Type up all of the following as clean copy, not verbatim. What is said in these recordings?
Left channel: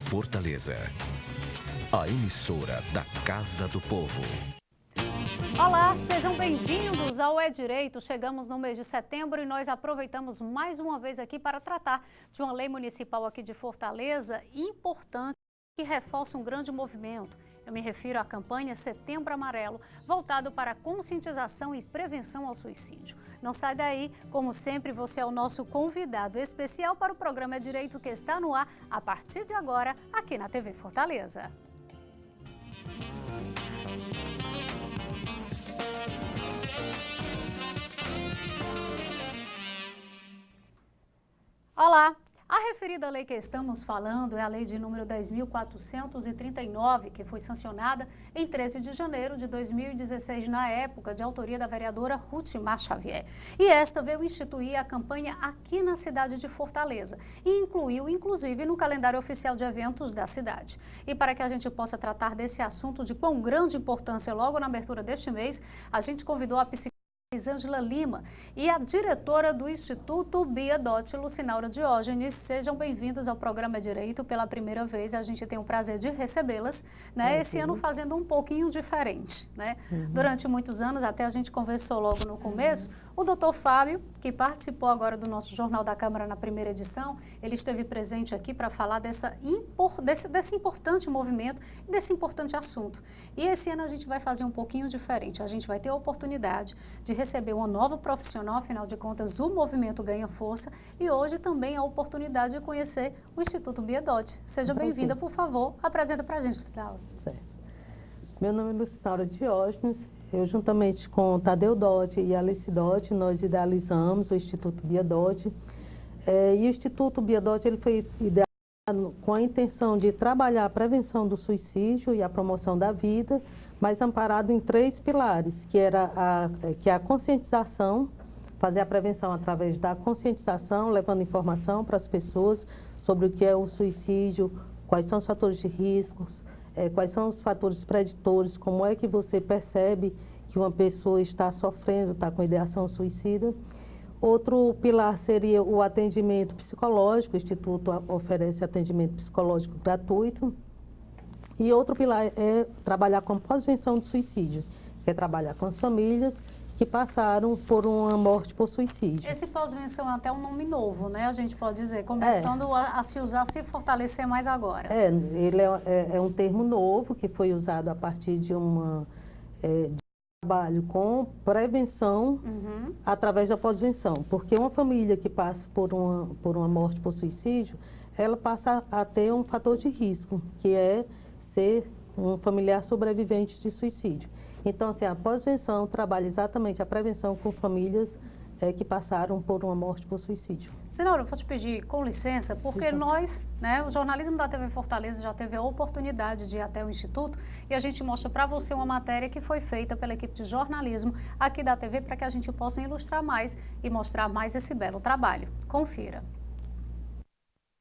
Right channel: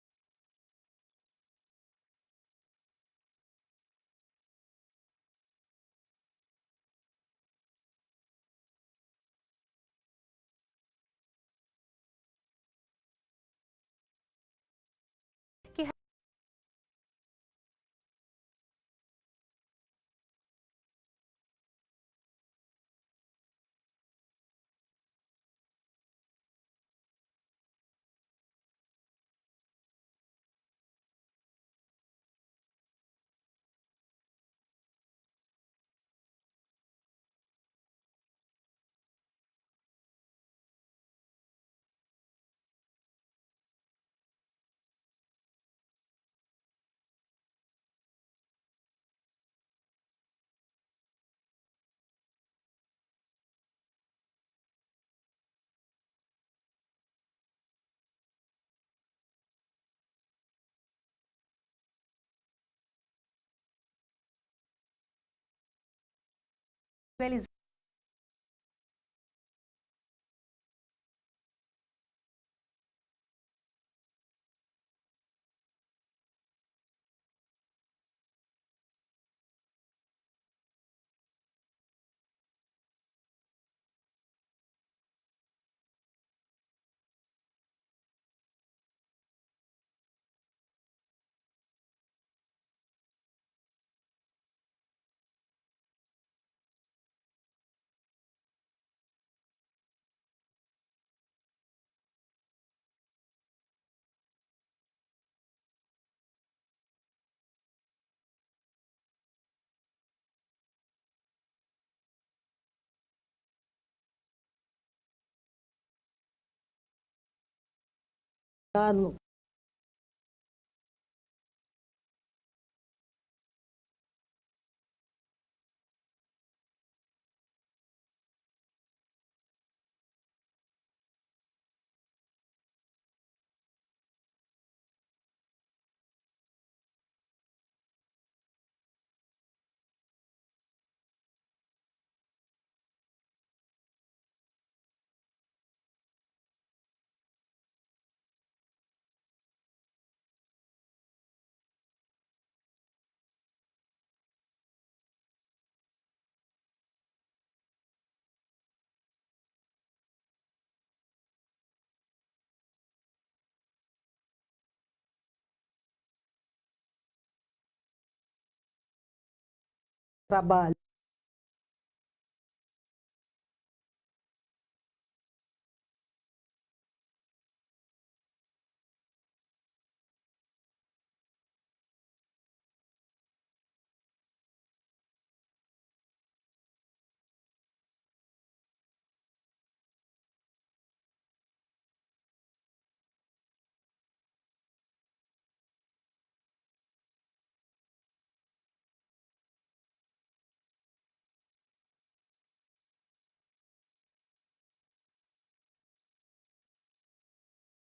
Fortaleza, a emissora da Casa do Povo. Olá, sejam bem-vindos ao É Direito. Chegamos no mês de setembro e nós aproveitamos mais uma vez aqui para tratar de uma lei municipal aqui de Fortaleza importante que reforça um grande movimento. Eu me refiro à campanha Setembro Amarelo, voltado para a conscientização e prevenção ao suicídio. Não sai daí, como sempre, você é o nosso convidado especial para o programa É Direito que está no ar a partir de agora, aqui na TV Fortaleza. Olá! A referida lei que estamos falando é a lei de número 10.439, que foi sancionada em 13 de janeiro de 2016, na época de autoria da vereadora Rutimar Xavier. E esta veio instituir a campanha aqui na cidade de Fortaleza e incluiu, inclusive, no calendário oficial de eventos da cidade. E para que a gente possa tratar desse assunto de quão grande importância logo na abertura deste mês, a gente convidou a psicóloga Elisângela Lima e a diretora do Instituto Bia Dott, Lucinaura Diógenes. Sejam bem-vindos ao programa Direito pela primeira vez. A gente tem o prazer de recebê-las, né? Esse ano fazendo um pouquinho diferente, né? Durante muitos anos, até a gente conversou logo no começo, o doutor Fábio, que participou agora do nosso Jornal da Câmara na primeira edição, ele esteve presente aqui para falar desse importante movimento e desse importante assunto. E esse ano a gente vai fazer um pouquinho diferente. A gente vai ter a oportunidade de receber uma nova profissional, afinal de contas o movimento ganha força, e hoje também a oportunidade de conhecer o Instituto Bia Dott. Seja bem-vinda, por favor, apresenta para a gente, Lucinaura. Certo. Meu nome é Lucinaura Diógenes, eu juntamente com Tadeu Dott e Alice Dott, nós idealizamos o Instituto Bia Dott. E o Instituto Bia Dott, ele foi idealizado com a intenção de trabalhar a prevenção do suicídio e a promoção da vida, mas amparado em 3 pilares, que é a conscientização, fazer a prevenção através da conscientização, levando informação para as pessoas sobre o que é o suicídio, quais são os fatores de riscos, quais são os fatores preditores, como é que você percebe que uma pessoa está sofrendo, está com ideação suicida. Outro pilar seria o atendimento psicológico, o Instituto oferece atendimento psicológico gratuito. E outro pilar é trabalhar com pós-venção do suicídio, que é trabalhar com as famílias que passaram por uma morte por suicídio. Esse pós-venção é até um nome novo, né? A gente pode dizer, começando a se usar, se fortalecer mais agora. Ele é um termo novo que foi usado a partir de de trabalho com prevenção através da pós-venção. Porque uma família que passa por uma morte por suicídio, ela passa a ter um fator de risco, que é ser um familiar sobrevivente de suicídio. Então, assim, a pós-venção trabalha exatamente a prevenção com famílias que passaram por uma morte por suicídio. Senhora, eu vou te pedir com licença, porque nós, né, o jornalismo da TV Fortaleza já teve a oportunidade de ir até o Instituto e a gente mostra para você uma matéria que foi feita pela equipe de jornalismo aqui da TV para que a gente possa ilustrar mais e mostrar mais esse belo trabalho. Confira.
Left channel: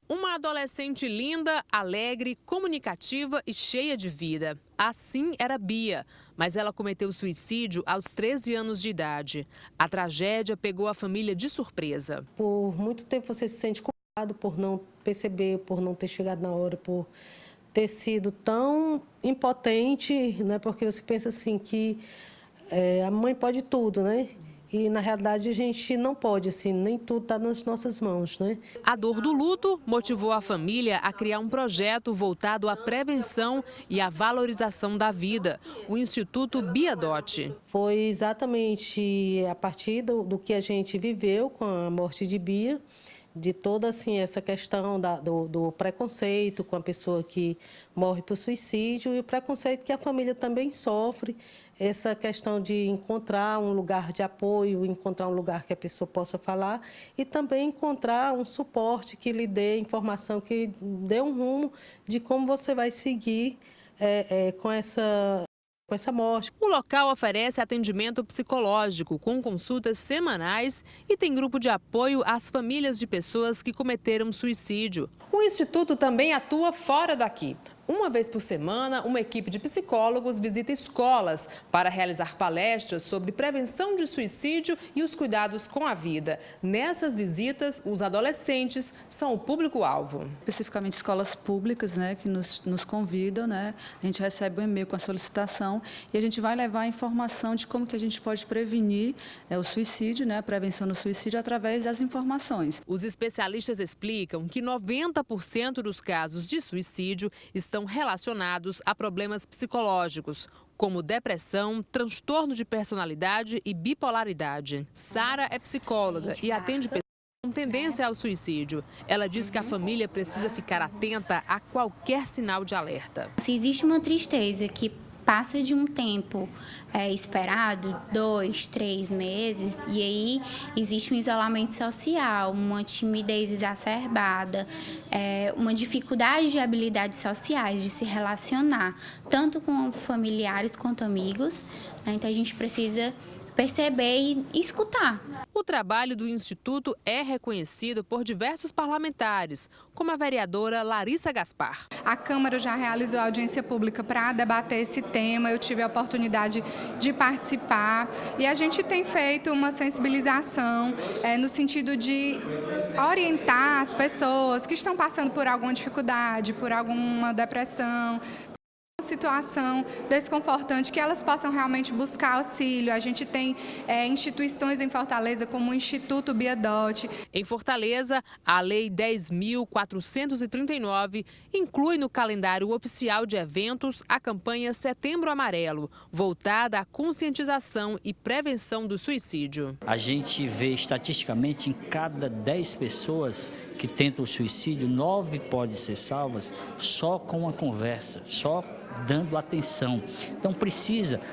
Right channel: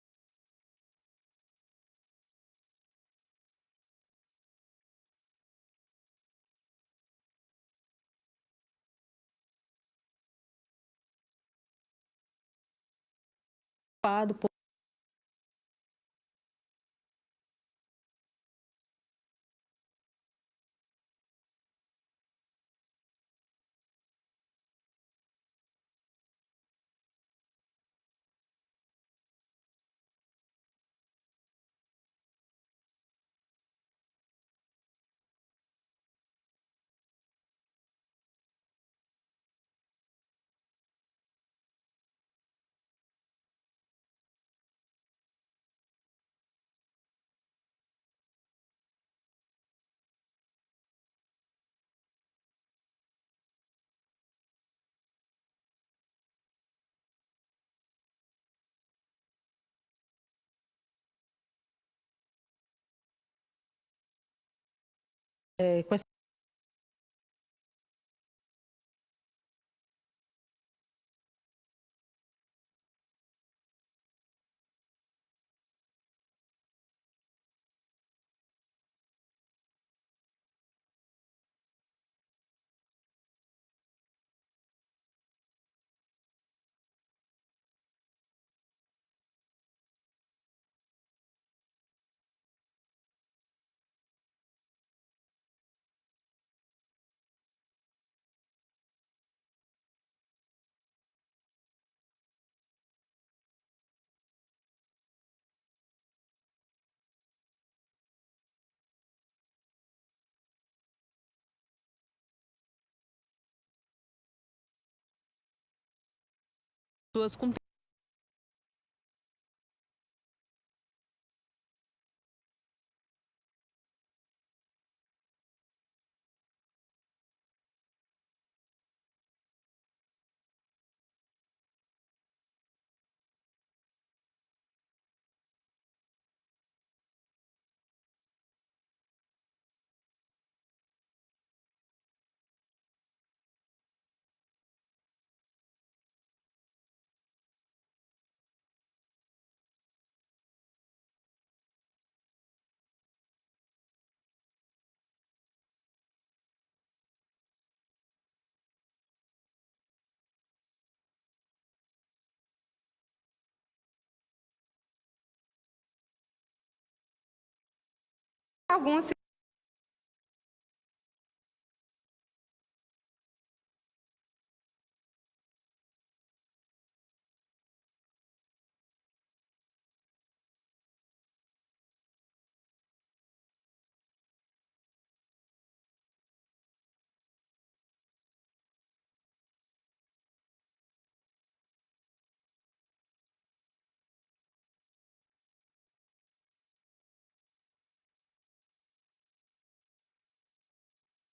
Uma adolescente linda, alegre, comunicativa e cheia de vida. Assim era Bia, mas ela cometeu suicídio aos 13 anos de idade. A tragédia pegou a família de surpresa. Por muito tempo você se sente culpado por não perceber, por não ter chegado na hora, por ter sido tão impotente, né? Porque você pensa assim que a mãe pode tudo, né? E, na realidade, a gente não pode, assim, nem tudo está nas nossas mãos, né? A dor do luto motivou a família a criar um projeto voltado à prevenção e à valorização da vida, o Instituto Bia Dott. Foi exatamente a partir do que a gente viveu com a morte de Bia, de toda assim, essa questão do preconceito com a pessoa que morre por suicídio e o preconceito que a família também sofre, essa questão de encontrar um lugar de apoio, encontrar um lugar que a pessoa possa falar e também encontrar um suporte que lhe dê informação, que dê um rumo de como você vai seguir com essa morte. O local oferece atendimento psicológico com consultas semanais e tem grupo de apoio às famílias de pessoas que cometeram suicídio. O Instituto também atua fora daqui. Uma vez por semana, uma equipe de psicólogos visita escolas para realizar palestras sobre prevenção de suicídio e os cuidados com a vida. Nessas visitas, os adolescentes são o público-alvo. Especificamente escolas públicas, né, que nos convidam, né? A gente recebe um e-mail com a solicitação e a gente vai levar a informação de como que a gente pode prevenir o suicídio, né, a prevenção do suicídio através das informações. Os especialistas explicam que 90% dos casos de suicídio estão relacionados a problemas psicológicos, como depressão, transtorno de personalidade e bipolaridade. Sara é psicóloga e atende pessoas com tendência ao suicídio. Ela diz que a família precisa ficar atenta a qualquer sinal de alerta. Se existe uma tristeza que passa de um tempo esperado, 2, 3 meses, e aí existe um isolamento social, uma timidez exacerbada, uma dificuldade de habilidades sociais, de se relacionar, tanto com familiares quanto amigos, né? Então a gente precisa perceber e escutar. O trabalho do Instituto é reconhecido por diversos parlamentares, como a vereadora Larissa Gaspar. A Câmara já realizou audiência pública para debater esse tema, eu tive a oportunidade de participar e a gente tem feito uma sensibilização no sentido de orientar as pessoas que estão passando por alguma dificuldade, por alguma depressão, alguma situação desconfortante, que elas possam realmente buscar auxílio. A gente tem instituições em Fortaleza, como o Instituto Biadotti. Em Fortaleza, a Lei 10.439 inclui no calendário oficial de eventos a campanha Setembro Amarelo, voltada à conscientização e prevenção do suicídio. A gente vê estatisticamente em cada 10 pessoas que tentam o suicídio, 9 podem ser salvas só com uma conversa, só dando atenção. Então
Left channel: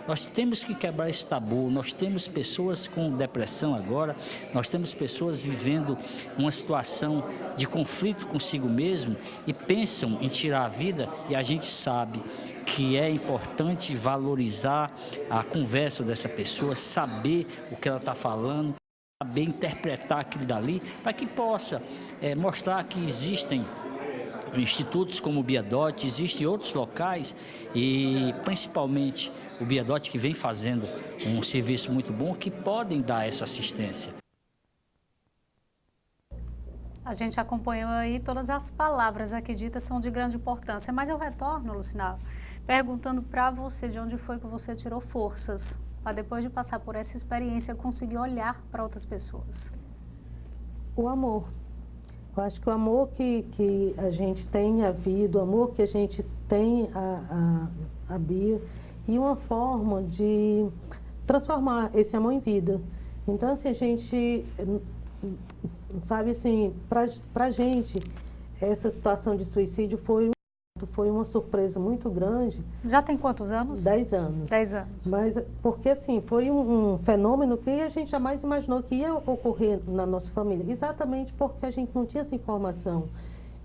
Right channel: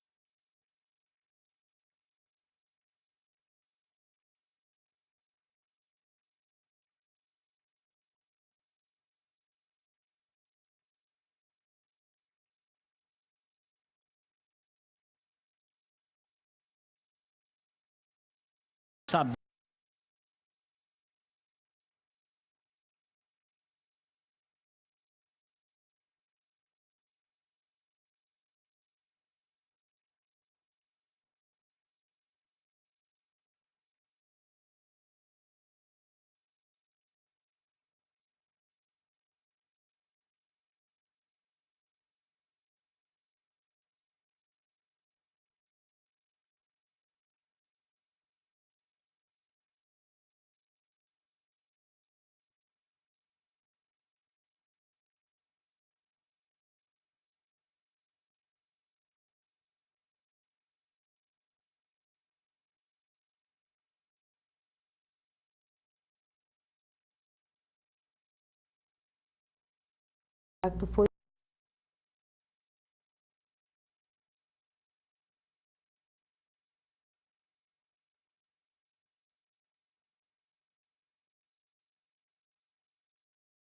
nós temos que quebrar esse tabu, nós temos pessoas com depressão agora, nós temos pessoas vivendo uma situação de conflito consigo mesmo e pensam em tirar a vida, e a gente sabe que é importante valorizar a conversa dessa pessoa, saber o que ela está falando, saber interpretar aquilo dali, para que possa mostrar que existem institutos como o Biadotti, existem outros locais e principalmente o Biadotti, que vem fazendo um serviço muito bom, que podem dar essa assistência. A gente acompanhou aí todas as palavras aqui ditas, são de grande importância, mas eu retorno, Lucinal, perguntando para você de onde foi que você tirou forças para depois de passar por essa experiência conseguir olhar para outras pessoas. O amor. Eu acho que o amor que a gente tem à vida, o amor que a gente tem à Bia, e uma forma de transformar esse amor em vida. Então, assim, a gente, sabe assim, pra gente, essa situação de suicídio foi uma surpresa muito grande. Já tem quantos anos? 10 anos. 10 anos. Mas, porque assim, foi um fenômeno que a gente jamais imaginou que ia ocorrer na nossa família. Exatamente porque a gente não tinha essa informação.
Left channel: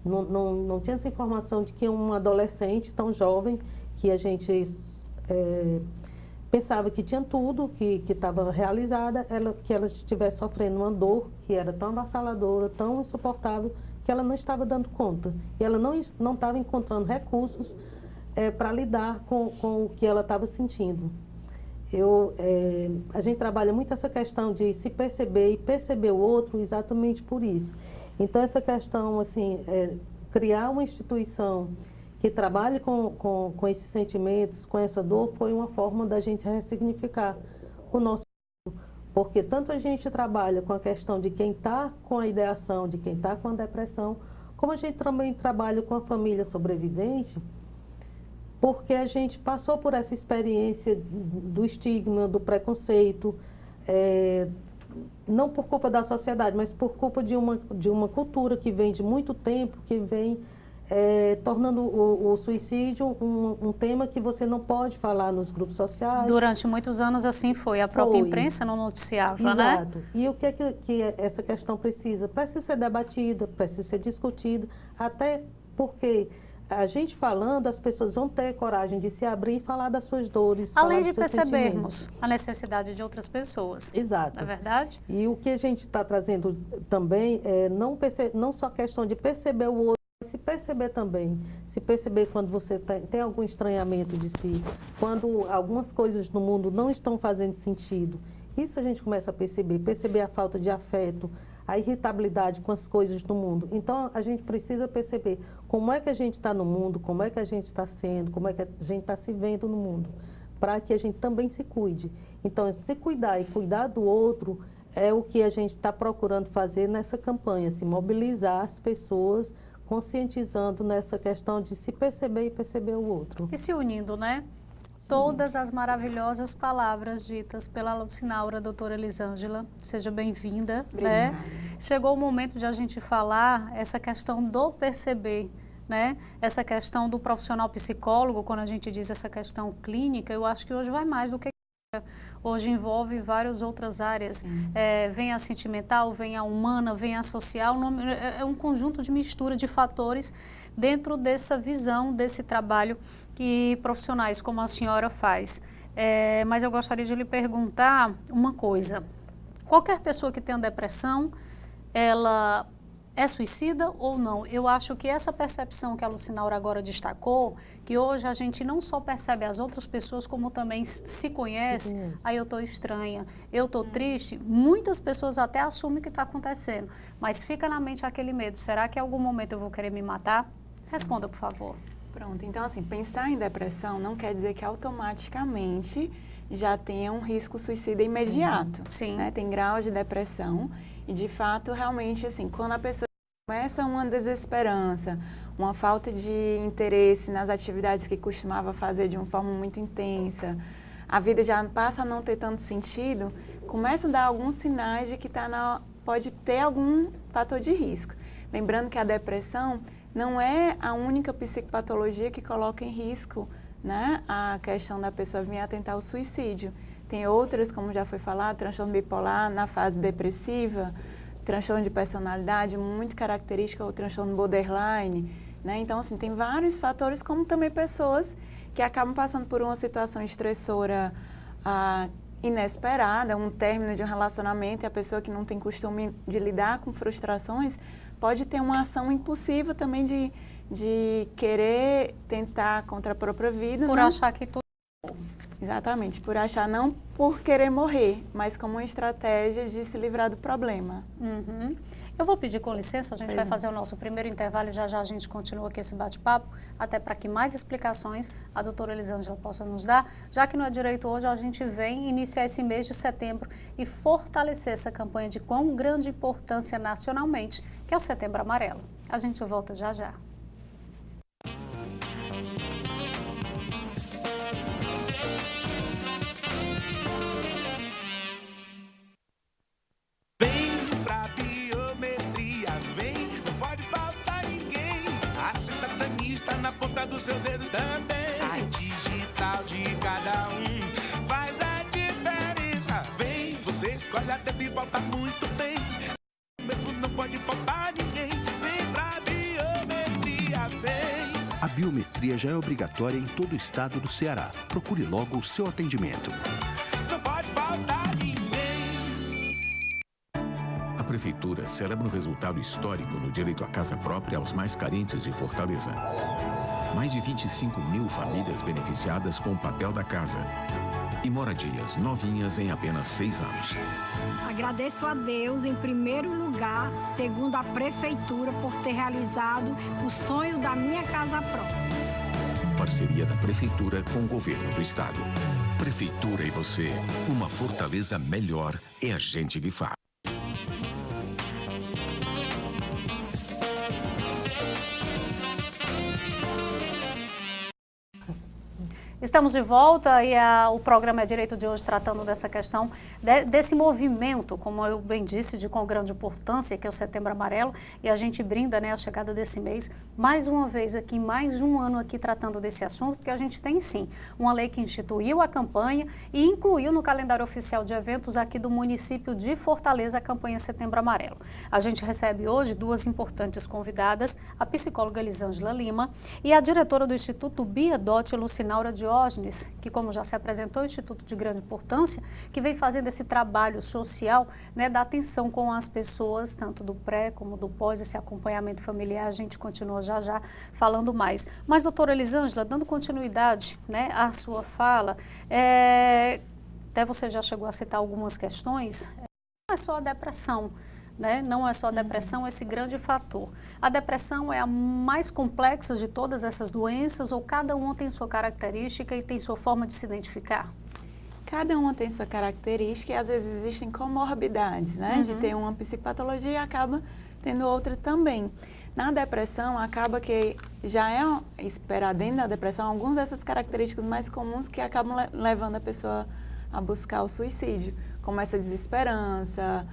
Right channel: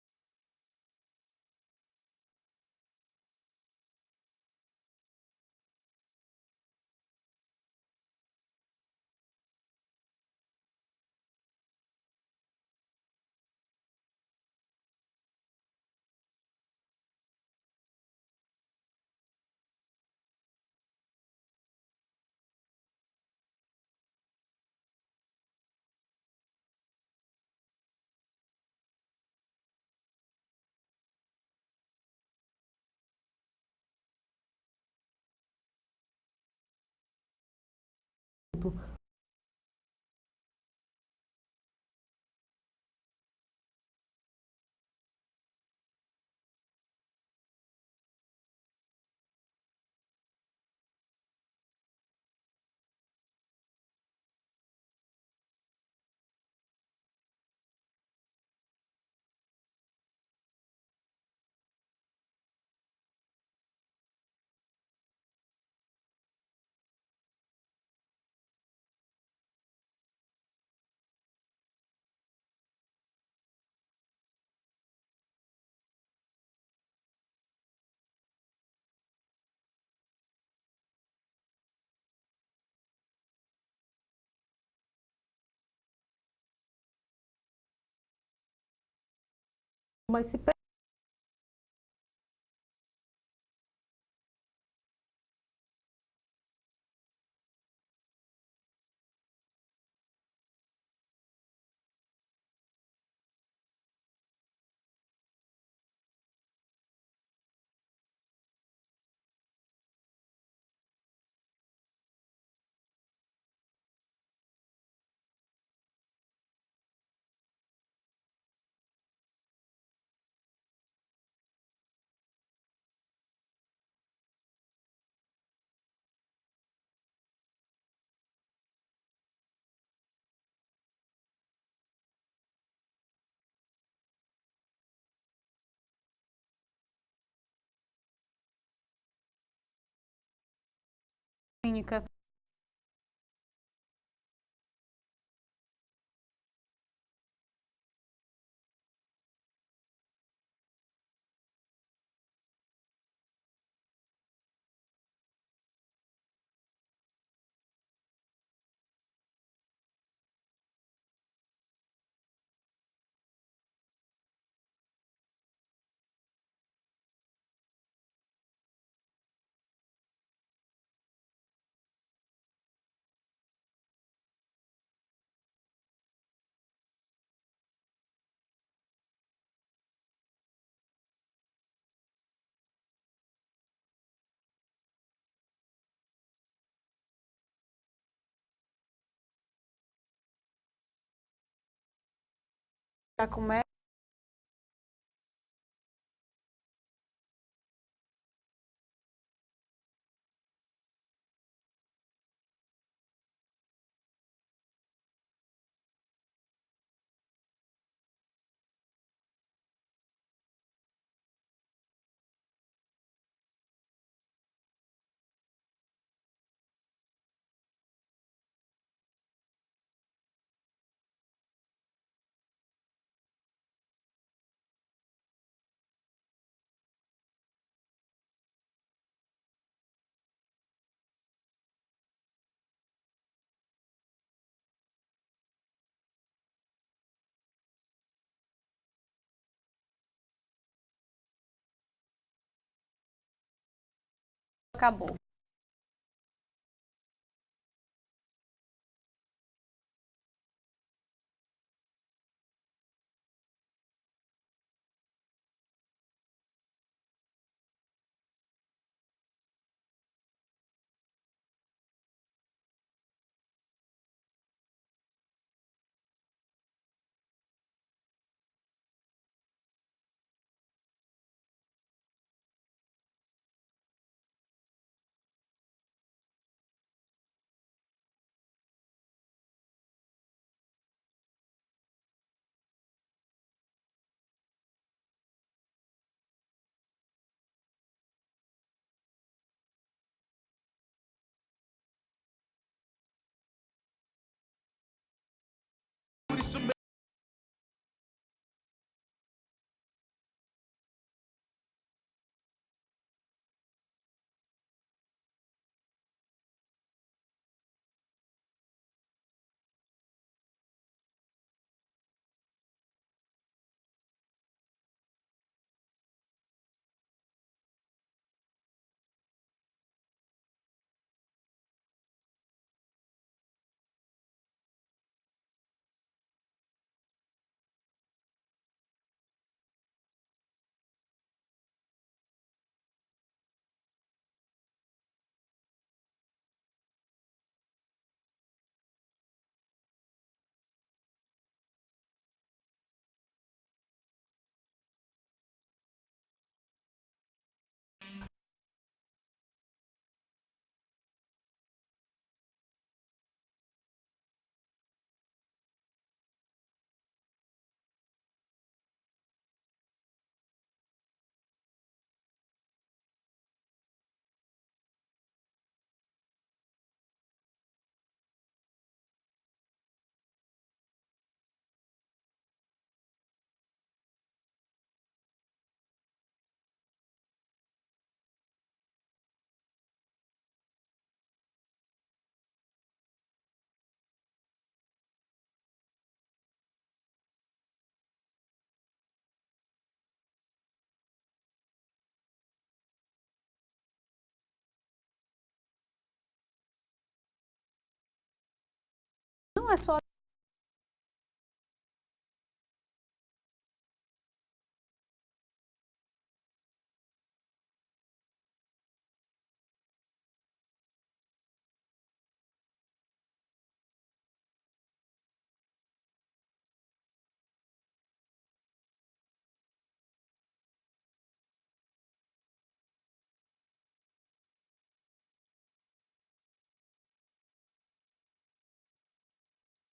Não tinha essa informação de que um adolescente tão jovem, que a gente pensava que tinha tudo, que estava realizada, que ela estivesse sofrendo uma dor que era tão avassaladora, tão insuportável, que ela não estava dando conta. E ela não estava encontrando recursos para lidar com o que ela estava sentindo. A gente trabalha muito essa questão de se perceber e perceber o outro exatamente por isso. Então, essa questão, assim, criar uma instituição que trabalhe com esses sentimentos, com essa dor, foi uma forma da gente ressignificar o nosso grupo. Porque tanto a gente trabalha com a questão de quem está com a ideação, de quem está com a depressão, como a gente também trabalha com a família sobrevivente, porque a gente passou por essa experiência do estigma, do preconceito, não por culpa da sociedade, mas por culpa de uma cultura que vem de muito tempo, que vem tornando o suicídio um tema que você não pode falar nos grupos sociais. Durante muitos anos assim foi, a própria imprensa não noticiava, né? Exato. E o que é que essa questão precisa? Precisa ser debatida, precisa ser discutida, até porque a gente falando, as pessoas vão ter coragem de se abrir e falar das suas dores. Além de percebermos a necessidade de outras pessoas. Exato. Não é verdade? E o que a gente está trazendo também é não só a questão de perceber o outro, Mas se perceber também, se perceber quando você tem algum estranhamento de si, quando algumas coisas no mundo não estão fazendo sentido, isso a gente começa a perceber a falta de afeto, a irritabilidade com as coisas do mundo. Então, a gente precisa perceber como é que a gente está no mundo, como é que a gente está sendo, como é que a gente está se vendo no mundo, para que a gente também se cuide. Então, se cuidar e cuidar do outro é o que a gente está procurando fazer nessa campanha, se mobilizar as pessoas, conscientizando nessa questão de se perceber e perceber o outro. E se unindo, né? Todas as maravilhosas palavras ditas pela Lucinaura, doutora Elisângela, seja bem-vinda, né? Chegou o momento de a gente falar essa questão do perceber, né? Essa questão do profissional psicólogo, quando a gente diz essa questão clínica, eu acho que hoje vai mais do que clínica. Hoje envolve várias outras áreas. Vem a sentimental, vem a humana, vem a social, é um conjunto de mistura de fatores dentro dessa visão, desse trabalho que profissionais como a senhora faz. Mas eu gostaria de lhe perguntar uma coisa. Qualquer pessoa que tenha depressão, ela é suicida ou não? Eu acho que essa percepção que a Lucinaura agora destacou, que hoje a gente não só percebe as outras pessoas, como também se conhece, aí eu estou estranha, eu estou triste, muitas pessoas até assumem que está acontecendo, mas fica na mente aquele medo, será que em algum momento eu vou querer me matar? Responda, por favor. Pronto, então assim, pensar em depressão não quer dizer que automaticamente já tenha um risco suicida imediato. Sim. Né? Tem graus de depressão e, de fato, realmente, assim, quando a pessoa já começa uma desesperança, uma falta de interesse nas atividades que costumava fazer de uma forma muito intensa, a vida já passa a não ter tanto sentido, começa a dar alguns sinais de que pode ter algum fator de risco. Lembrando que a depressão não é a única psicopatologia que coloca em risco, né, a questão da pessoa vir a tentar o suicídio. Tem outras, como já foi falado, transtorno bipolar na fase depressiva, transtorno de personalidade, muito característico, o transtorno borderline, né? Então, assim, tem vários fatores, como também pessoas que acabam passando por uma situação estressora inesperada, um término de um relacionamento, e a pessoa que não tem costume de lidar com frustrações, pode ter uma ação impulsiva também de querer tentar contra a própria vida. Por achar que tudo acabou. Exatamente, por achar, não por querer morrer, mas como uma estratégia de se livrar do problema. Uhum. Eu vou pedir com licença, a gente vai fazer o nosso primeiro intervalo e já já a gente continua aqui esse bate-papo, até para que mais explicações a doutora Elisângela possa nos dar, já que no É Direito hoje a gente vem iniciar esse mês de setembro e fortalecer essa campanha de quão grande importância nacionalmente, que é o Setembro Amarelo. A gente volta já já. Do seu dedo também. A digital de cada um faz a diferença. Vem, você escolhe a dedo e volta muito bem. Por isso mesmo não pode faltar ninguém. Vem pra biometria, vem. A biometria já é obrigatória em todo o estado do Ceará. Procure logo o seu atendimento. Não pode faltar ninguém. A Prefeitura celebra um resultado histórico no direito à casa própria aos mais carentes de Fortaleza. Mais de 25 mil famílias beneficiadas com o papel da casa. E moradias novinhas em apenas 6 anos. Agradeço a Deus, em primeiro lugar, segundo a Prefeitura, por ter realizado o sonho da minha casa própria. Parceria da Prefeitura com o Governo do Estado. Prefeitura e você, uma Fortaleza melhor é a gente que faz. Estamos de volta e o programa É Direito de hoje tratando dessa questão, desse movimento, como eu bem disse, com grande importância, que é o Setembro Amarelo, e a gente brinda, né, a chegada desse mês mais uma vez aqui, mais um ano aqui tratando desse assunto, porque a gente tem sim uma lei que instituiu a campanha e incluiu no calendário oficial de eventos aqui do município de Fortaleza a campanha Setembro Amarelo. A gente recebe hoje duas importantes convidadas, a psicóloga Elisângela Lima e a diretora do Instituto Bia Dott, Lucinaura Diógenes, que, como já se apresentou, é um instituto de grande importância, que vem fazendo esse trabalho social, né, da atenção com as pessoas, tanto do pré como do pós, esse acompanhamento familiar. A gente continua já falando mais. Mas, doutora Elisângela, dando continuidade, né, à sua fala, até você já chegou a citar algumas questões, não é só a depressão, né? Não é só a depressão esse grande fator. A depressão é a mais complexa de todas essas doenças ou cada uma tem sua característica e tem sua forma de se identificar? Cada uma tem sua característica e às vezes existem comorbidades, né? De ter uma psicopatologia e acaba tendo outra também. Na depressão, acaba que já é esperado dentro da depressão algumas dessas características mais comuns que acabam levando a pessoa a buscar o suicídio, como essa desesperança,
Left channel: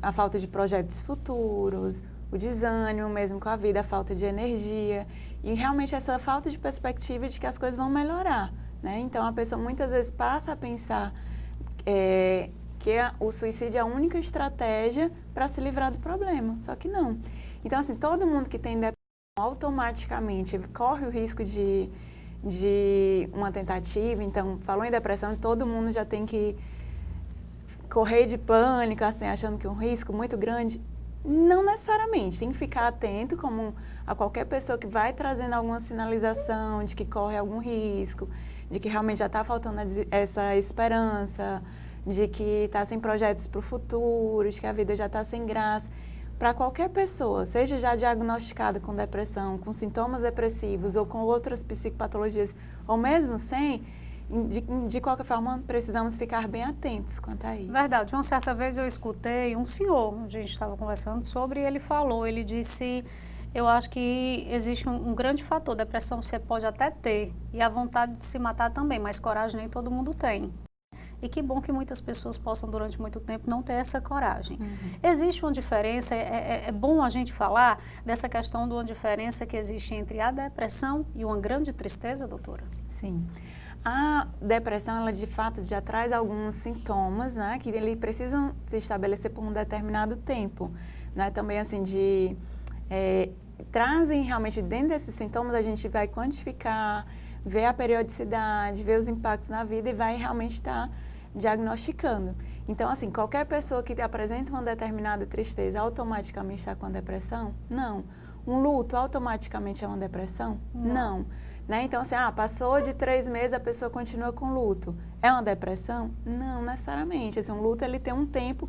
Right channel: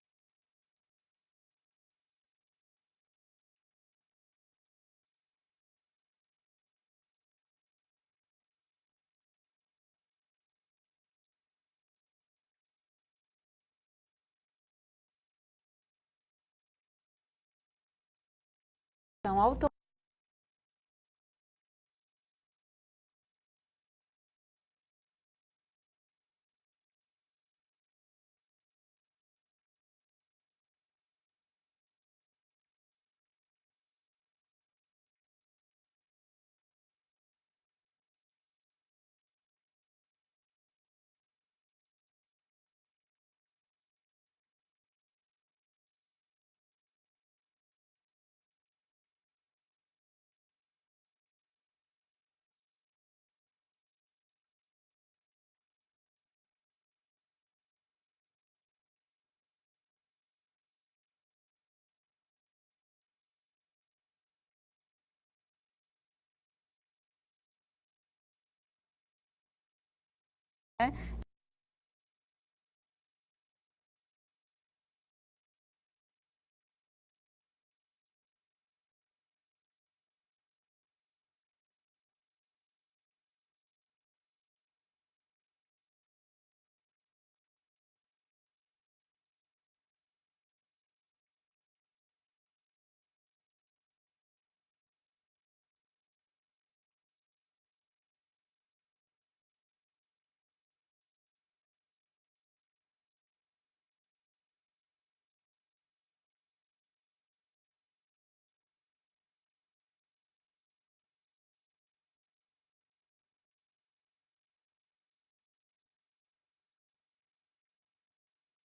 a falta de projetos futuros, o desânimo mesmo com a vida, a falta de energia e realmente essa falta de perspectiva de que as coisas vão melhorar, né? Então, a pessoa muitas vezes passa a pensar que o suicídio é a única estratégia para se livrar do problema, só que não. Então, assim, todo mundo que tem depressão automaticamente corre o risco de uma tentativa. Então, falou em depressão, todo mundo já tem que correr de pânico, assim, achando que é um risco muito grande. Não necessariamente, tem que ficar atento como a qualquer pessoa que vai trazendo alguma sinalização de que corre algum risco, de que realmente já está faltando essa esperança, de que está sem projetos para o futuro, de que a vida já está sem graça. Para qualquer pessoa, seja já diagnosticada com depressão, com sintomas depressivos ou com outras psicopatologias, ou mesmo sem, de qualquer forma, precisamos ficar bem atentos quanto a isso. Verdade. Uma certa vez eu escutei um senhor, a gente estava conversando sobre, e ele disse, eu acho que existe um grande fator, depressão você pode até ter, e a vontade de se matar também, mas coragem nem todo mundo tem. E que bom que muitas pessoas possam, durante muito tempo, não ter essa coragem. Existe uma diferença, é bom a gente falar dessa questão de uma diferença que existe entre a depressão e uma grande tristeza, doutora? Sim. A depressão, ela de fato já traz alguns sintomas, né, que eles precisam se estabelecer por um determinado tempo, né, também assim trazem realmente dentro desses sintomas, a gente vai quantificar, ver a periodicidade, ver os impactos na vida e vai realmente estar diagnosticando. Então, assim, qualquer pessoa que apresenta uma determinada tristeza automaticamente está com a depressão? Não. Um luto automaticamente é uma depressão? Não. Né? Então, assim, passou de 3 meses, a pessoa continua com luto. É uma depressão? Não, necessariamente. Assim, um luto, ele tem um tempo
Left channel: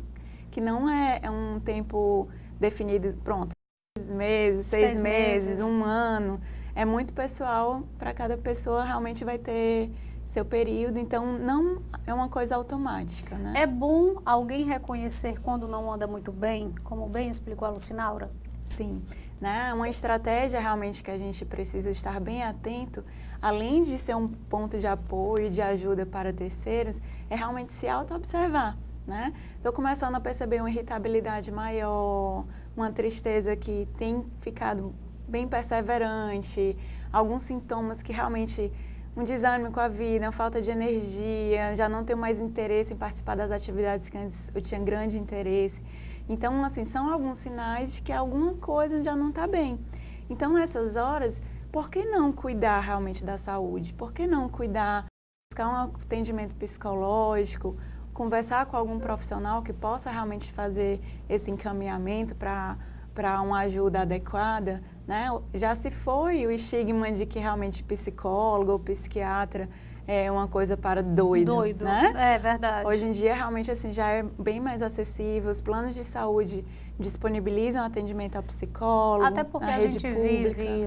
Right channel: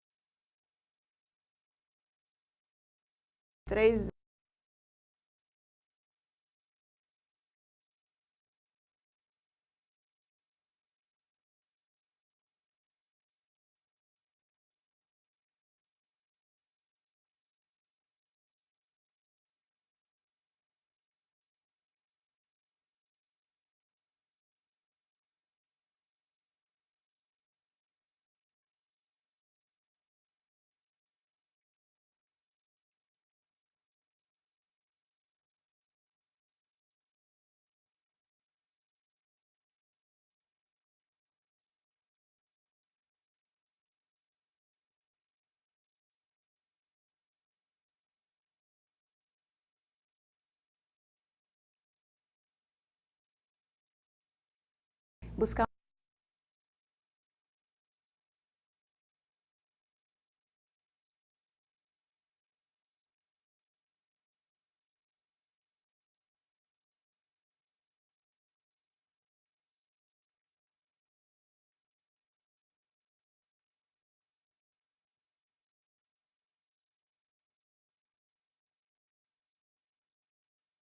que não é um tempo definido, pronto, 3 meses, 6 meses, 1 ano. É muito pessoal, para cada pessoa realmente vai ter seu período, então não é uma coisa automática, né? É bom alguém reconhecer quando não anda muito bem, como bem explicou a Lucinaura? Sim, né? Uma estratégia realmente que a gente precisa estar bem atento, além de ser um ponto de apoio e de ajuda para terceiros, é realmente se auto-observar, né? Estou começando a perceber uma irritabilidade maior, uma tristeza que tem ficado bem perseverante, alguns sintomas que realmente, um desânimo com a vida, uma falta de energia, já não tenho mais interesse em participar das atividades que antes eu tinha grande interesse. Então, assim, são alguns sinais de que alguma coisa já não está bem. Então, nessas horas, por que não cuidar realmente da saúde? Por que não cuidar, buscar um atendimento psicológico, conversar com algum profissional que possa realmente fazer esse encaminhamento para uma ajuda adequada, né? Já se foi o estigma de que realmente psicólogo ou psiquiatra é uma coisa para doido, né? É verdade. Hoje em dia, realmente, assim, já é bem mais acessível. Os planos de saúde disponibilizam atendimento ao psicólogo, até porque na a rede gente pública. vive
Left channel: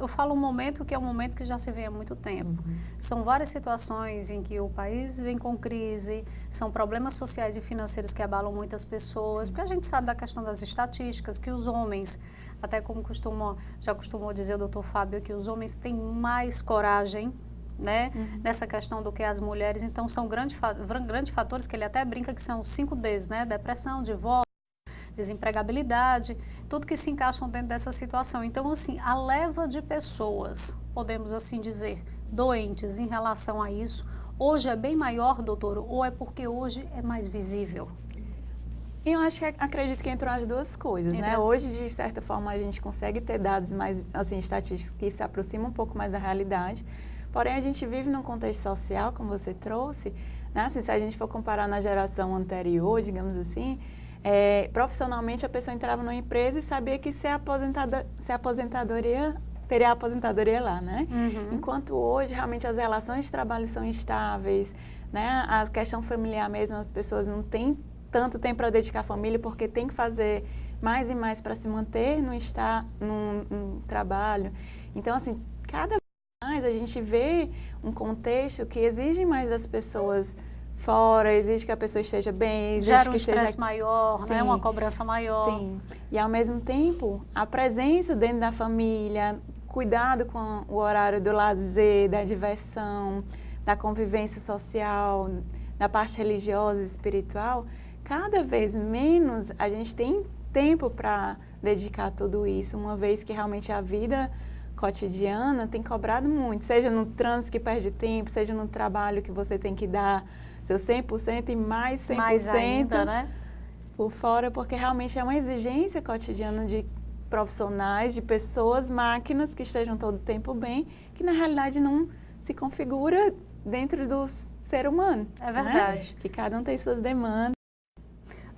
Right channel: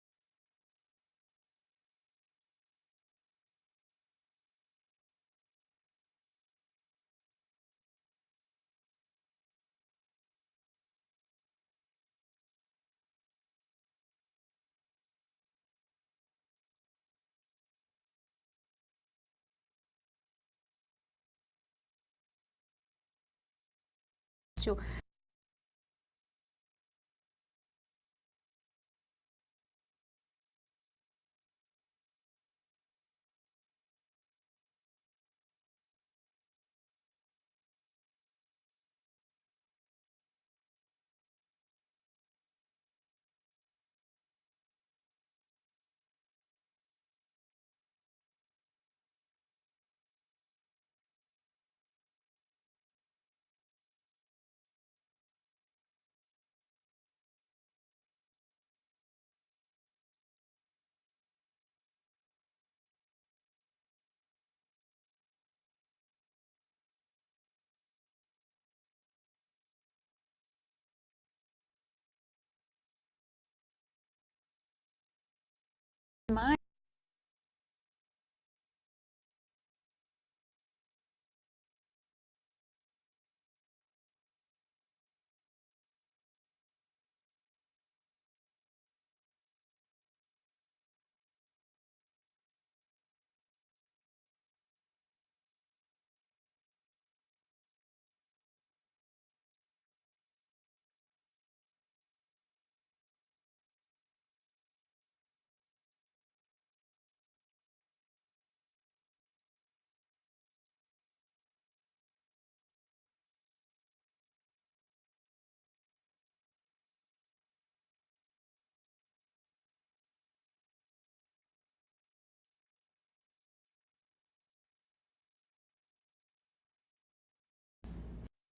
eu falo um momento que é um momento que já se vê há muito tempo. São várias situações em que o país vem com crise, são problemas sociais e financeiros que abalam muitas pessoas, porque a gente sabe da questão das estatísticas, que os homens, até como já costumou dizer o doutor Fábio, que os homens têm mais coragem, né, nessa questão do que as mulheres, então são grandes fatores que ele até brinca que são os 5 Ds, né, depressão, divórcio, desempregabilidade, tudo que se encaixam dentro dessa situação. Então, assim, a leva de pessoas, podemos assim dizer, doentes em relação a isso, hoje é bem maior, doutor, ou é porque hoje é mais visível? Eu acredito que entram as duas coisas, né? Hoje, de certa forma, a gente consegue ter dados mais, assim, estatísticos que se aproximam um pouco mais da realidade. Porém, a gente vive num contexto social, como você trouxe, né? Assim, se a gente for comparar na geração anterior, digamos assim, profissionalmente a pessoa entrava numa empresa e sabia que teria a aposentadoria lá, né? Enquanto hoje, realmente, as relações de trabalho são instáveis, né? A questão familiar mesmo, as pessoas não têm tanto tempo para dedicar à família, porque tem que fazer mais e mais para se manter num trabalho. Então, assim, cada vez mais a gente vê um contexto que exige mais das pessoas fora, exige que a pessoa esteja bem, exige gera um que estresse maior, né? Uma cobrança maior. Sim. E, ao mesmo tempo, a presença dentro da família, cuidado com o horário do lazer, da diversão, da convivência social, da parte religiosa e espiritual, cada vez menos a gente tem tempo para dedicar a tudo isso, uma vez que realmente a vida cotidiana tem cobrado muito, seja no trânsito que perde tempo, seja no trabalho que você tem que dar seu 100% e mais 100% mais ainda, né? por fora, porque realmente é uma exigência cotidiana de profissionais, de pessoas, máquinas que estejam todo o tempo bem, que na realidade não se configura dentro do ser humano. É verdade. Né? Que cada um tem suas demandas.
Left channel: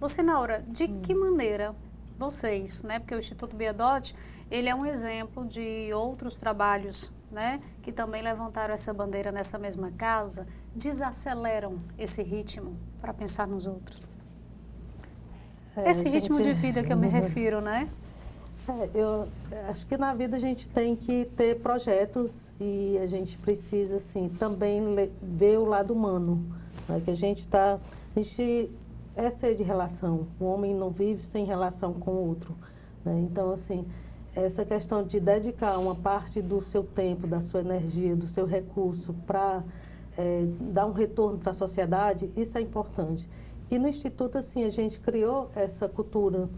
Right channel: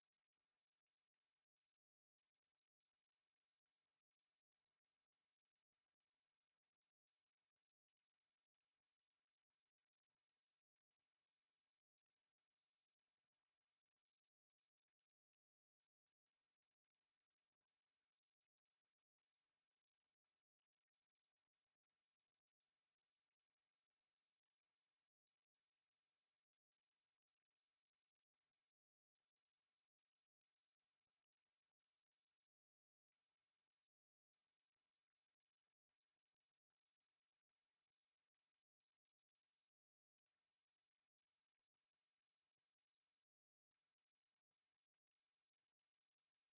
Lucinaura, de que maneira vocês, né, porque o Instituto Biadotti, ele é um exemplo de outros trabalhos, né, que também levantaram essa bandeira nessa mesma causa, desaceleram esse ritmo para pensar nos outros? Esse ritmo de vida que eu me refiro, né? Eu acho que na vida a gente tem que ter projetos e a gente precisa, assim, também ver o lado humano, né, que a gente é ser de relação. O homem não vive sem relação com o outro, né? Então, assim, essa questão de dedicar uma parte do seu tempo, da sua energia, do seu recurso para dar um retorno para a sociedade, isso é importante. E no Instituto, assim, a gente criou essa cultura.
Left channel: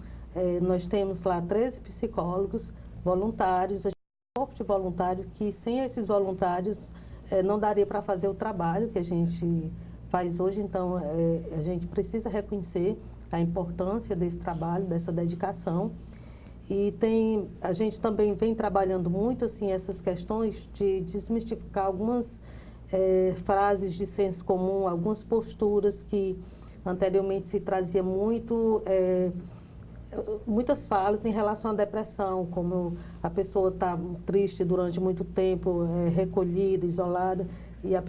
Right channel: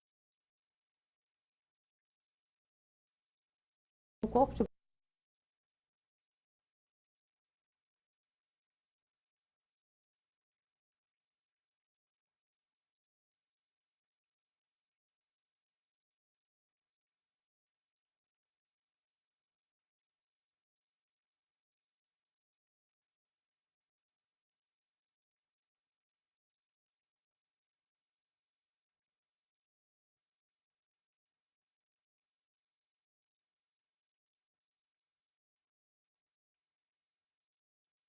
Nós temos lá 13 psicólogos voluntários, a gente tem um corpo de voluntários que, sem esses voluntários, não daria para fazer o trabalho que a gente faz hoje. Então, a gente precisa reconhecer a importância desse trabalho, dessa dedicação. E a gente também vem trabalhando muito assim, essas questões de desmistificar algumas frases de senso comum, algumas posturas que anteriormente se trazia muitas falas em relação à depressão, como a pessoa está triste durante muito tempo, recolhida, isolada, e a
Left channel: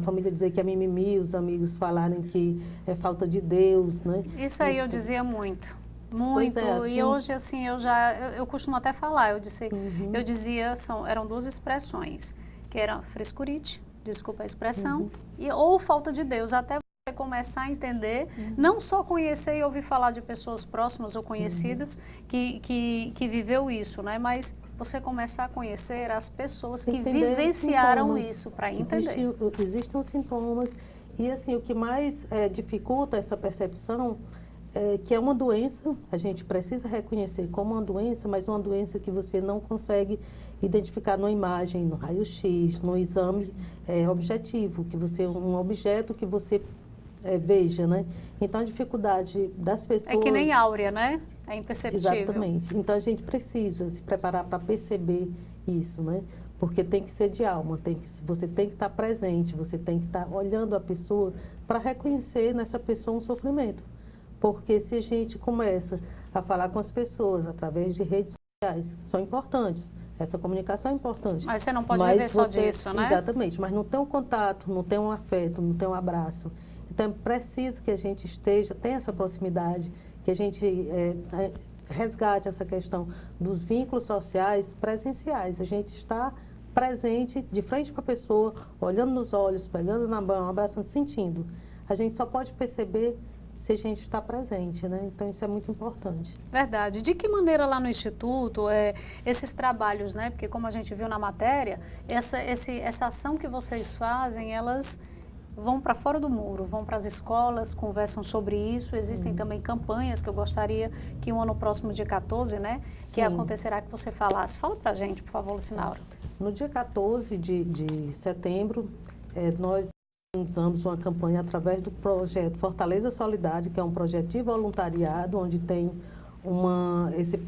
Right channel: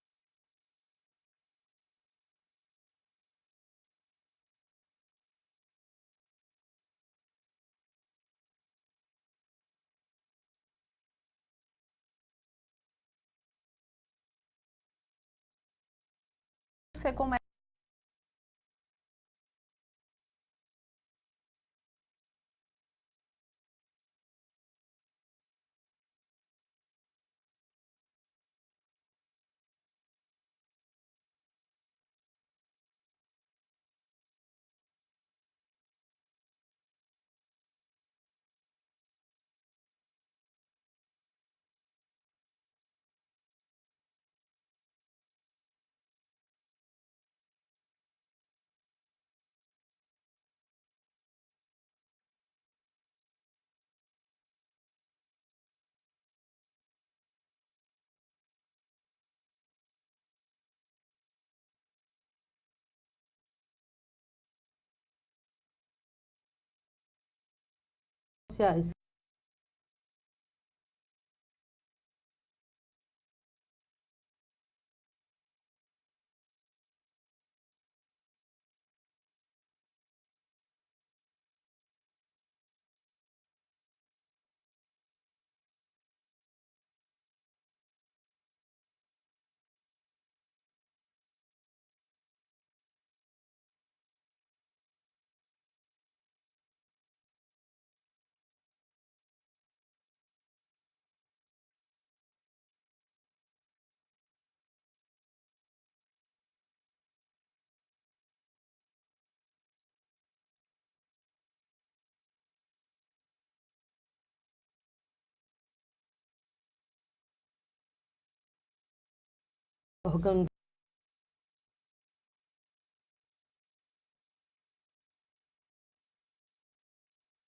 família dizer que é mimimi, os amigos falarem que é falta de Deus, né? Isso aí eu dizia muito. Muito, assim, e hoje assim eu costumo até falar, eu dizia, eram duas expressões, que era frescurite, desculpa a expressão, ou falta de Deus, até você começar a entender, não só conhecer e ouvir falar de pessoas próximas ou conhecidas que viveu isso, né, mas você começar a conhecer as pessoas que vivenciaram isso, para entender. Existem os sintomas, e assim, o que mais dificulta essa percepção que é uma doença, a gente precisa reconhecer como uma doença, mas uma doença que você não consegue identificar numa imagem, no raio-x, no exame objetivo, um objeto que você veja, né? Então, a dificuldade das pessoas... É que nem áurea, né? É imperceptível. Exatamente. Então, a gente precisa se preparar para perceber isso, né? Porque tem que ser de alma, você tem que estar presente, você tem que estar olhando a pessoa para reconhecer nessa pessoa um sofrimento. Porque se a gente começa a falar com as pessoas através de redes sociais, que são importantes, essa comunicação é importante. Mas você não pode viver só disso, né? Exatamente, mas não tem um contato, não tem um afeto, não tem um abraço. Então, é preciso que a gente tenha essa proximidade, que a gente resgate essa questão dos vínculos sociais presenciais. A gente está presente, de frente para a pessoa, olhando nos olhos, pegando na mão, abraçando, sentindo. A gente só pode perceber se a gente está presente, né? Então, isso é muito importante. Verdade. De que maneira lá no Instituto, esses trabalhos, né? Porque como a gente viu na matéria, essa ação que vocês fazem, elas vão para fora do muro, vão para as escolas, conversam sobre isso. Existem também campanhas que eu gostaria que o ano próximo, dia 14, né? Que acontecerá, que você falasse. Fala para a gente, por favor, Lucinaura. No dia 14 de setembro, nós organizamos uma campanha através do projeto Fortaleza Solidária, que é um projeto de voluntariado, onde tem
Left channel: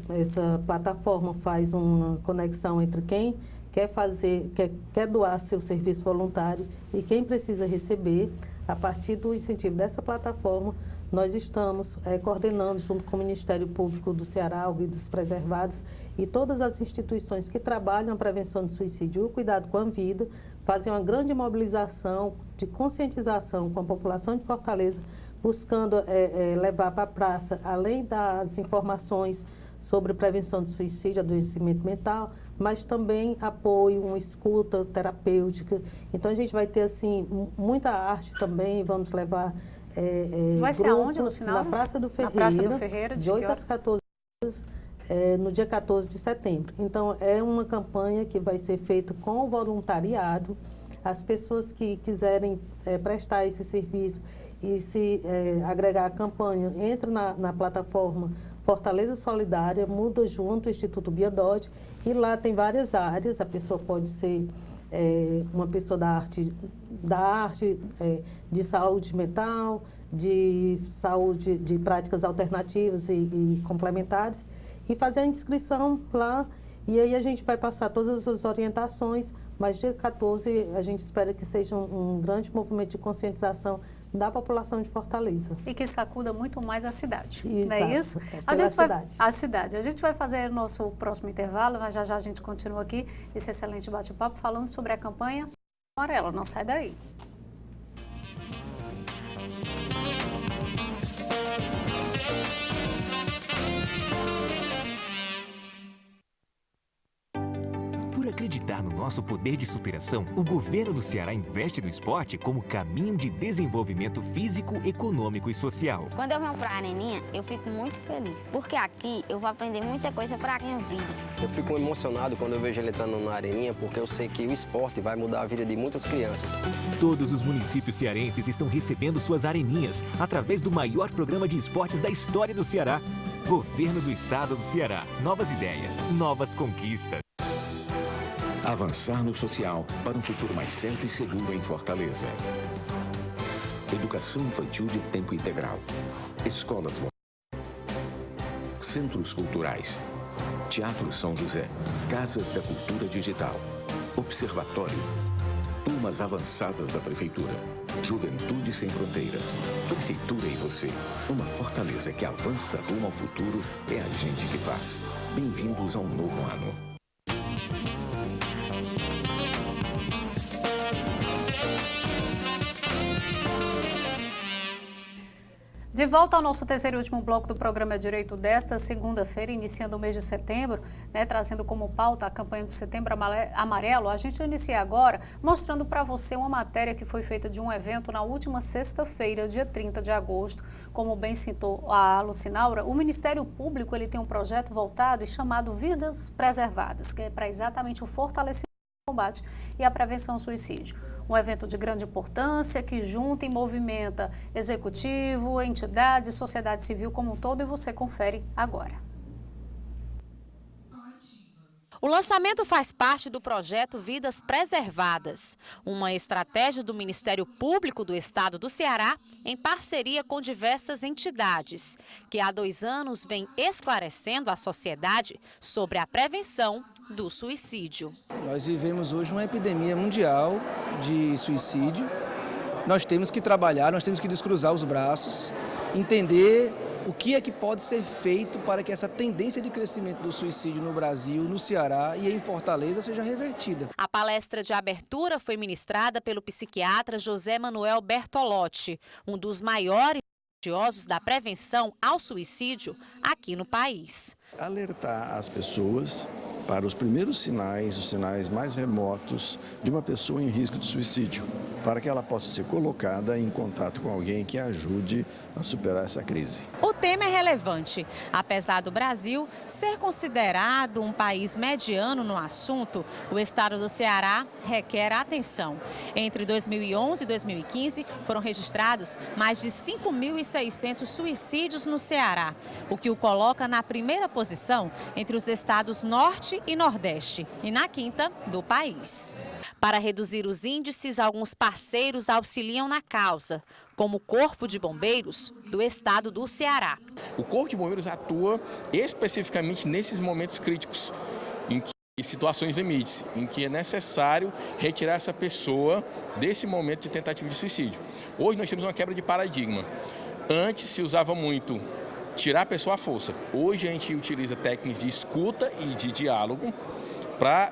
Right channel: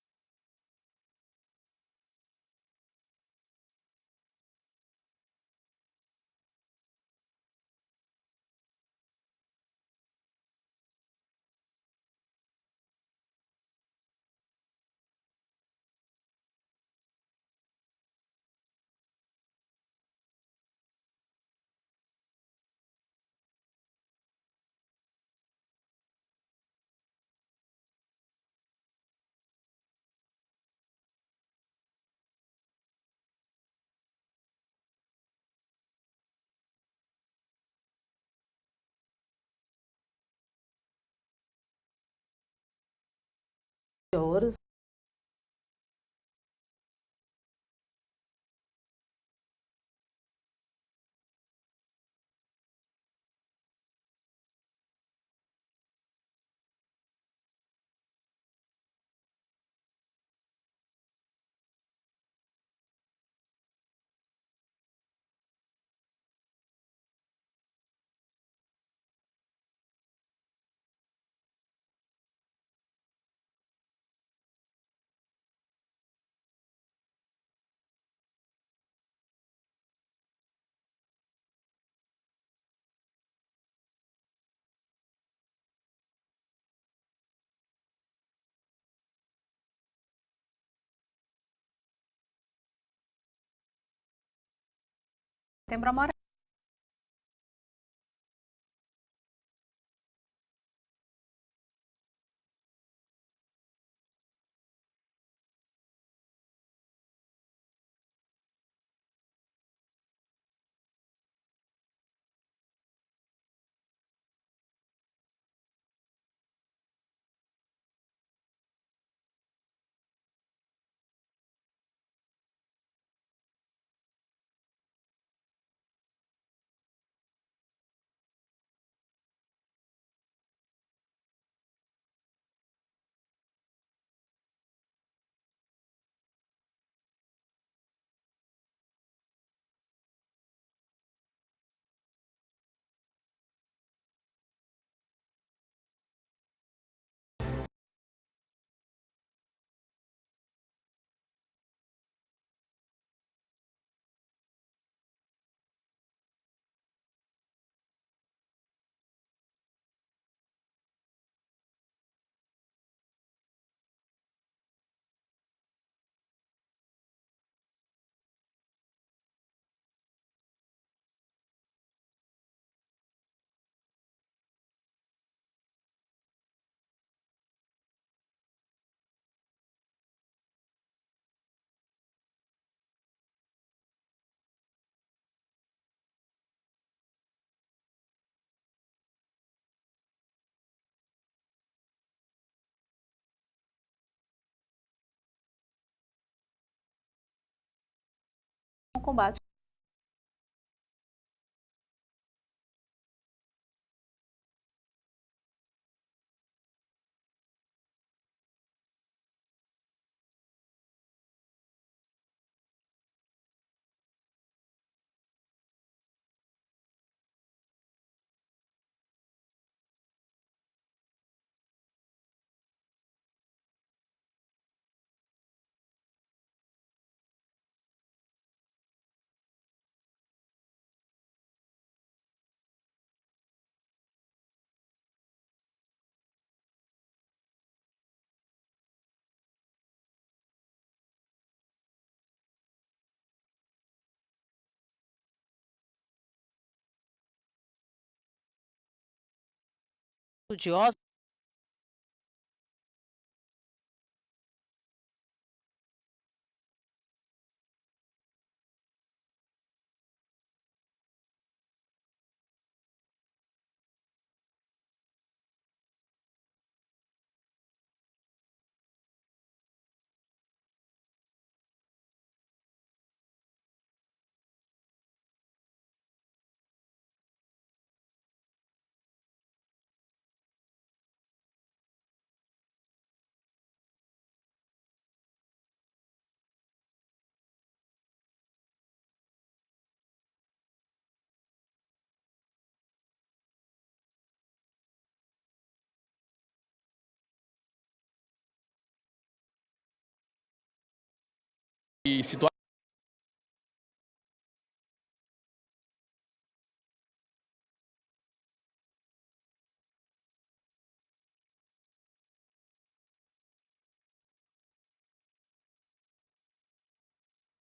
essa plataforma faz uma conexão entre quem quer doar seu serviço voluntário e quem precisa receber. A partir do incentivo dessa plataforma, nós estamos coordenando, junto com o Ministério Público do Ceará, o Vidas Preservadas, e todas as instituições que trabalham a prevenção do suicídio e o cuidado com a vida, fazem uma grande mobilização de conscientização com a população de Fortaleza, buscando levar para a praça, além das informações sobre prevenção do suicídio, adoecimento mental, mas também apoio, uma escuta terapêutica. Então, a gente vai ter, assim, muita arte também, vamos levar vai ser aonde, Lucinaura? Na Praça do Ferreira, na Praça do Ferreira, de 8 às 14 horas, no dia 14 de setembro. Então, é uma campanha que vai ser feita com o voluntariado. As pessoas que quiserem prestar esse serviço e se agregar à campanha, entra na plataforma Fortaleza Solidária, muda junto o Instituto Biadotti, e lá tem várias áreas. A pessoa pode ser uma pessoa da arte, de saúde mental, de saúde, de práticas alternativas e complementares, e fazer a inscrição lá, e aí a gente vai passar todas as orientações, mas dia 14 a gente espera que seja um grande movimento de conscientização da população de Fortaleza. E que sacuda muito mais a cidade, Exato, não é isso? A cidade. A gente vai fazer o nosso próximo intervalo, mas já a gente continua aqui, esse excelente bate-papo, falando sobre a campanha Setembro Amarelo. Não sai daí. Acreditar no nosso poder de superação, o governo do Ceará investe no esporte como caminho de desenvolvimento físico, econômico e social. Quando eu venho para a Areninha, eu fico muito feliz, porque aqui eu vou aprender muita coisa para a minha vida. Eu fico emocionado quando eu vejo ele entrando na Areninha, porque eu sei que o esporte vai mudar a vida de muitas crianças. Todos os municípios cearenses estão recebendo suas areninhas através do maior programa de esportes da história do Ceará. Governo do Estado do Ceará. Novas ideias, novas conquistas. Avançar no social para um futuro mais certo e seguro em Fortaleza. Educação infantil de tempo integral. Escolas, centros culturais. Teatro São José. Casas da Cultura Digital. Observatório. Turmas avançadas da Prefeitura. Juventude Sem Fronteiras. Prefeitura e você. Uma Fortaleza que avança rumo ao futuro é a gente que faz. Bem-vindos a um novo ano. De volta ao nosso terceiro e último bloco do programa Direito desta segunda-feira, iniciando o mês de setembro, né, trazendo como pauta a campanha do Setembro Amarelo. A gente inicia agora mostrando para você uma matéria que foi feita de um evento na última sexta-feira, dia 30 de agosto. Como bem citou a Lucinaura, o Ministério Público ele tem um projeto voltado e chamado Vidas Preservadas, que é para exatamente o fortalecimento do combate e a prevenção ao suicídio. Um evento de grande importância que junta e movimenta executivo, entidades e sociedade civil como um todo, e você confere agora. O lançamento faz parte do projeto Vidas Preservadas, uma estratégia do Ministério Público do Estado do Ceará, em parceria com diversas entidades, que há 2 anos vem esclarecendo a sociedade sobre a prevenção do suicídio. Nós vivemos hoje uma epidemia mundial de suicídio. Nós temos que trabalhar, nós temos que descruzar os braços, entender o que é que pode ser feito para que essa tendência de crescimento do suicídio no Brasil, no Ceará e em Fortaleza seja revertida. A palestra de abertura foi ministrada pelo psiquiatra José Manuel Bertolotti, um dos maiores estudiosos da prevenção ao suicídio aqui no país. Alertar as pessoas para os primeiros sinais, os sinais mais remotos de uma pessoa em risco de suicídio. para que ela possa ser colocada em contato com alguém que a ajude a superar essa crise. O tema é relevante. Apesar do Brasil ser considerado um país mediano no assunto, o estado do Ceará requer atenção. Entre 2011 e 2015, foram registrados mais de 5.600 suicídios no Ceará, o que o coloca na primeira posição entre os estados Norte e Nordeste e na quinta do país. Para reduzir os índices, alguns parceiros auxiliam na causa, como o Corpo de Bombeiros do estado do Ceará. O Corpo de Bombeiros atua especificamente nesses momentos críticos, em que situações limites, em que é necessário retirar essa pessoa desse momento de tentativa de suicídio. Hoje nós temos uma quebra de paradigma. Antes se usava muito tirar a pessoa à força. Hoje a gente utiliza técnicas de escuta e de diálogo para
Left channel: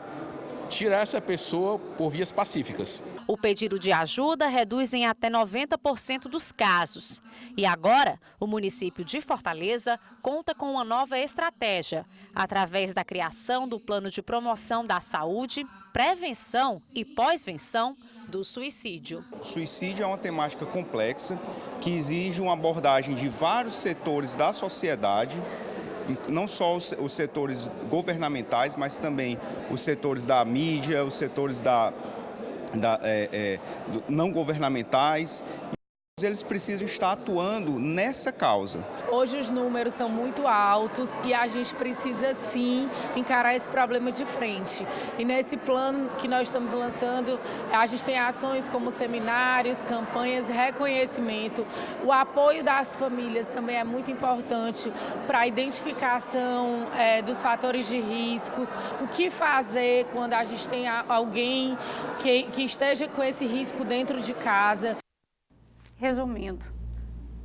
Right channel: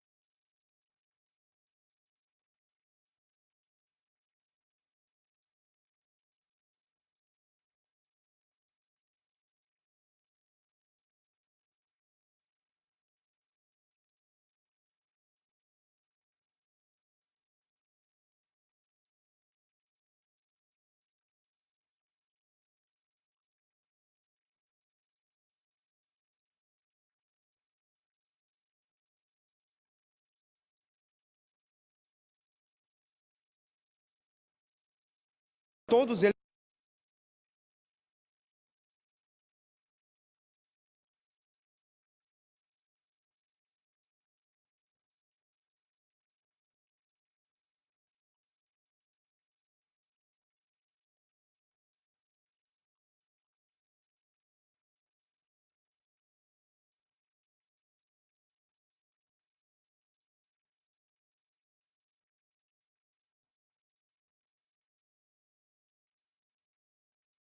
tirar essa pessoa por vias pacíficas. O pedido de ajuda reduz em até 90% dos casos. E agora, o município de Fortaleza conta com uma nova estratégia, através da criação do Plano de Promoção da Saúde, Prevenção e Pós-venção do suicídio. O suicídio é uma temática complexa que exige uma abordagem de vários setores da sociedade, não só os setores governamentais, mas também os setores da mídia, os setores não governamentais. Todos eles precisam estar atuando nessa causa. Hoje os números são muito altos e a gente precisa sim encarar esse problema de frente. E nesse plano que nós estamos lançando, a gente tem ações como seminários, campanhas, reconhecimento. O apoio das famílias também é muito importante para a identificação dos fatores de riscos, o que fazer quando a gente tem alguém que esteja com esse risco dentro de casa.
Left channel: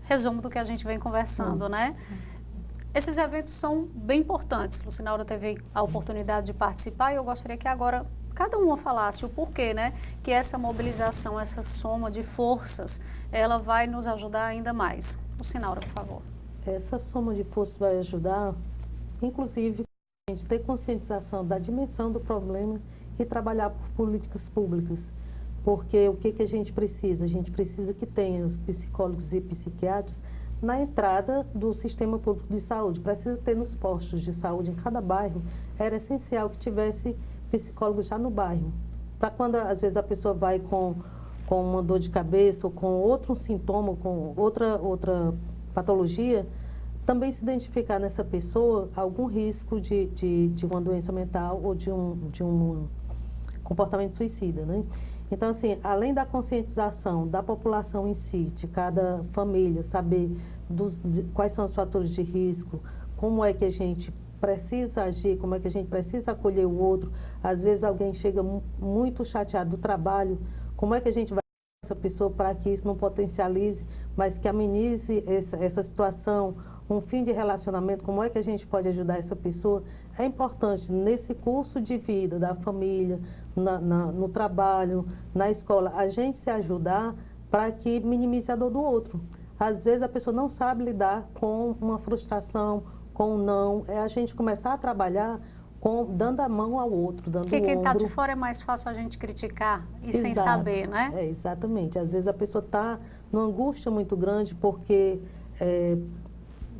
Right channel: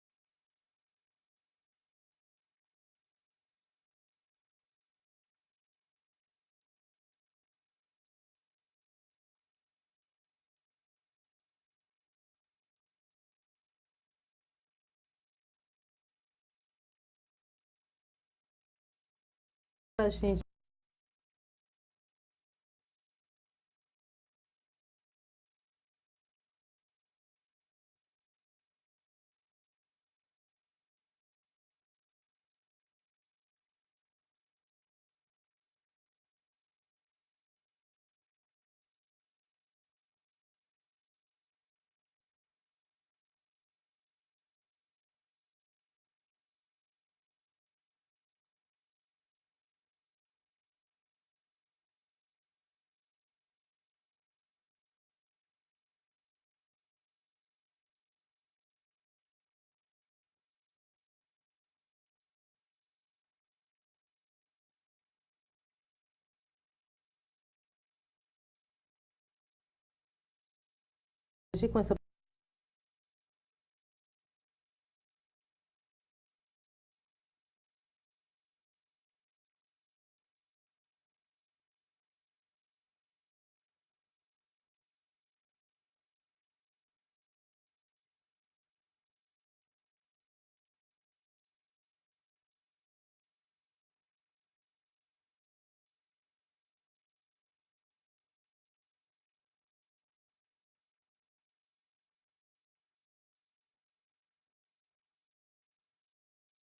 Resumo do que a gente vem conversando, né? Esses eventos são bem importantes. Lucinaura teve a oportunidade de participar e eu gostaria que agora cada uma falasse o porquê, né? Que essa mobilização, essa soma de forças, ela vai nos ajudar ainda mais. Lucinaura, por favor. Essa soma de forças vai ajudar, inclusive, para a gente ter conscientização da dimensão do problema e trabalhar por políticas públicas. Porque o que a gente precisa? A gente precisa que tenha os psicólogos e psiquiatras na entrada do sistema público de saúde. Precisa ter nos postos de saúde em cada bairro. Era essencial que tivesse psicólogo já no bairro. Para quando, às vezes, a pessoa vai com uma dor de cabeça ou com outro sintoma, com outra patologia, também se identificar nessa pessoa algum risco de uma doença mental ou de um comportamento suicida, né? Então, assim, além da conscientização da população em si, de cada família, saber quais são os fatores de risco, como é que a gente precisa agir, como é que a gente precisa acolher o outro. Às vezes alguém chega muito chateado do trabalho, como é que a gente vai agir com essa pessoa para que isso não potencialize, mas que amenize essa situação, um fim de relacionamento, como é que a gente pode ajudar essa pessoa. É importante nesse curso de vida da família, no trabalho, na escola, a gente se ajudar para que minimize a dor do outro. Às vezes a pessoa não sabe lidar com uma frustração, com um não. É a gente começar a trabalhar dando a mão ao outro, dando o ombro. Porque quem está de fora é mais fácil a gente criticar e sem saber, né? Exatamente. Às vezes a pessoa está numa angústia muito grande porque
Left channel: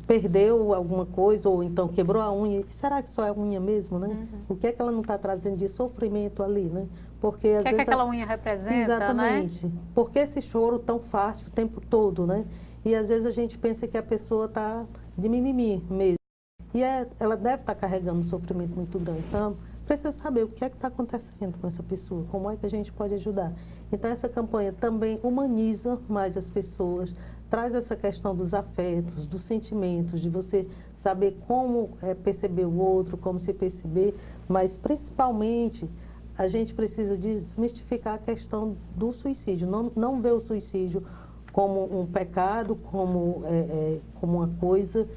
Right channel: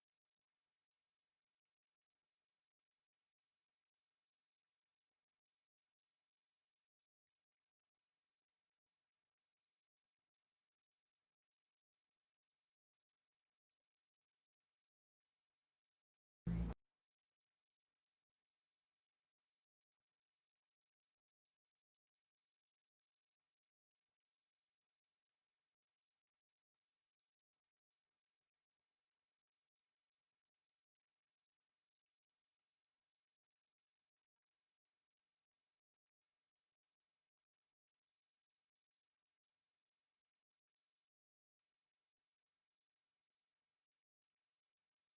perdeu alguma coisa ou então quebrou a unha. E será que só é a unha mesmo, né? O que é que ela não está trazendo de sofrimento ali, né? Porque às vezes que aquela unha representa, exatamente, né? Por que esse choro tão fácil o tempo todo, né? E às vezes a gente pensa que a pessoa está de mimimi mesmo. E ela deve estar carregando um sofrimento muito grande. Então, precisa saber o que é que está acontecendo com essa pessoa, como é que a gente pode ajudar. Então, essa campanha também humaniza mais as pessoas, traz essa questão dos afetos, dos sentimentos, de você saber como perceber o outro, como se perceber, mas principalmente a gente precisa desmistificar a questão do suicídio, não ver o suicídio como um pecado, como uma coisa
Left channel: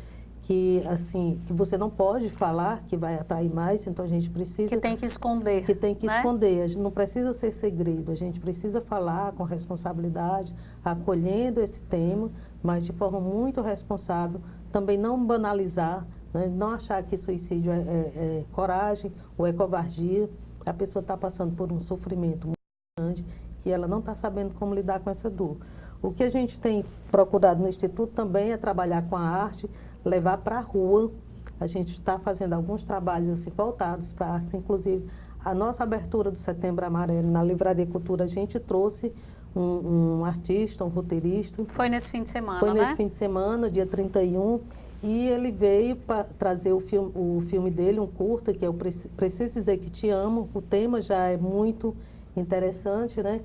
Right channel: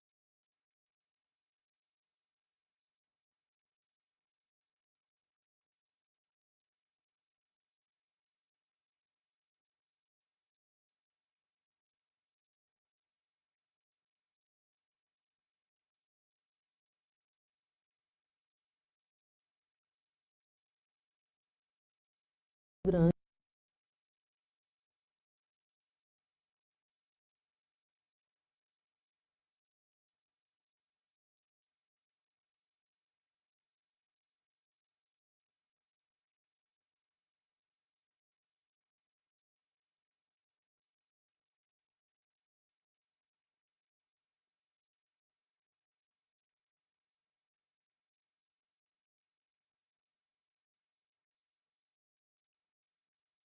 que, assim, que você não pode falar, que vai atrair mais, então a gente precisa... Que tem que esconder. Que tem que esconder, a gente não precisa ser segredo, a gente precisa falar com responsabilidade, acolhendo esse tema, mas de forma muito responsável, também não banalizar, né? Não achar que suicídio é coragem ou é covardia. A pessoa está passando por um sofrimento muito grande e ela não está sabendo como lidar com essa dor. O que a gente tem procurado no Instituto também é trabalhar com a arte, levar para a rua. A gente está fazendo alguns trabalhos assim, voltados para a arte, inclusive a nossa abertura do Setembro Amarelo na Livraria Cultura, a gente trouxe um artista, um roteirista. Foi nesse fim de semana, Foi nesse fim de semana, dia 31, e ele veio para trazer o filme dele, um curta, que é o Preciso Dizer Que Te Amo. O tema já é muito interessante, né?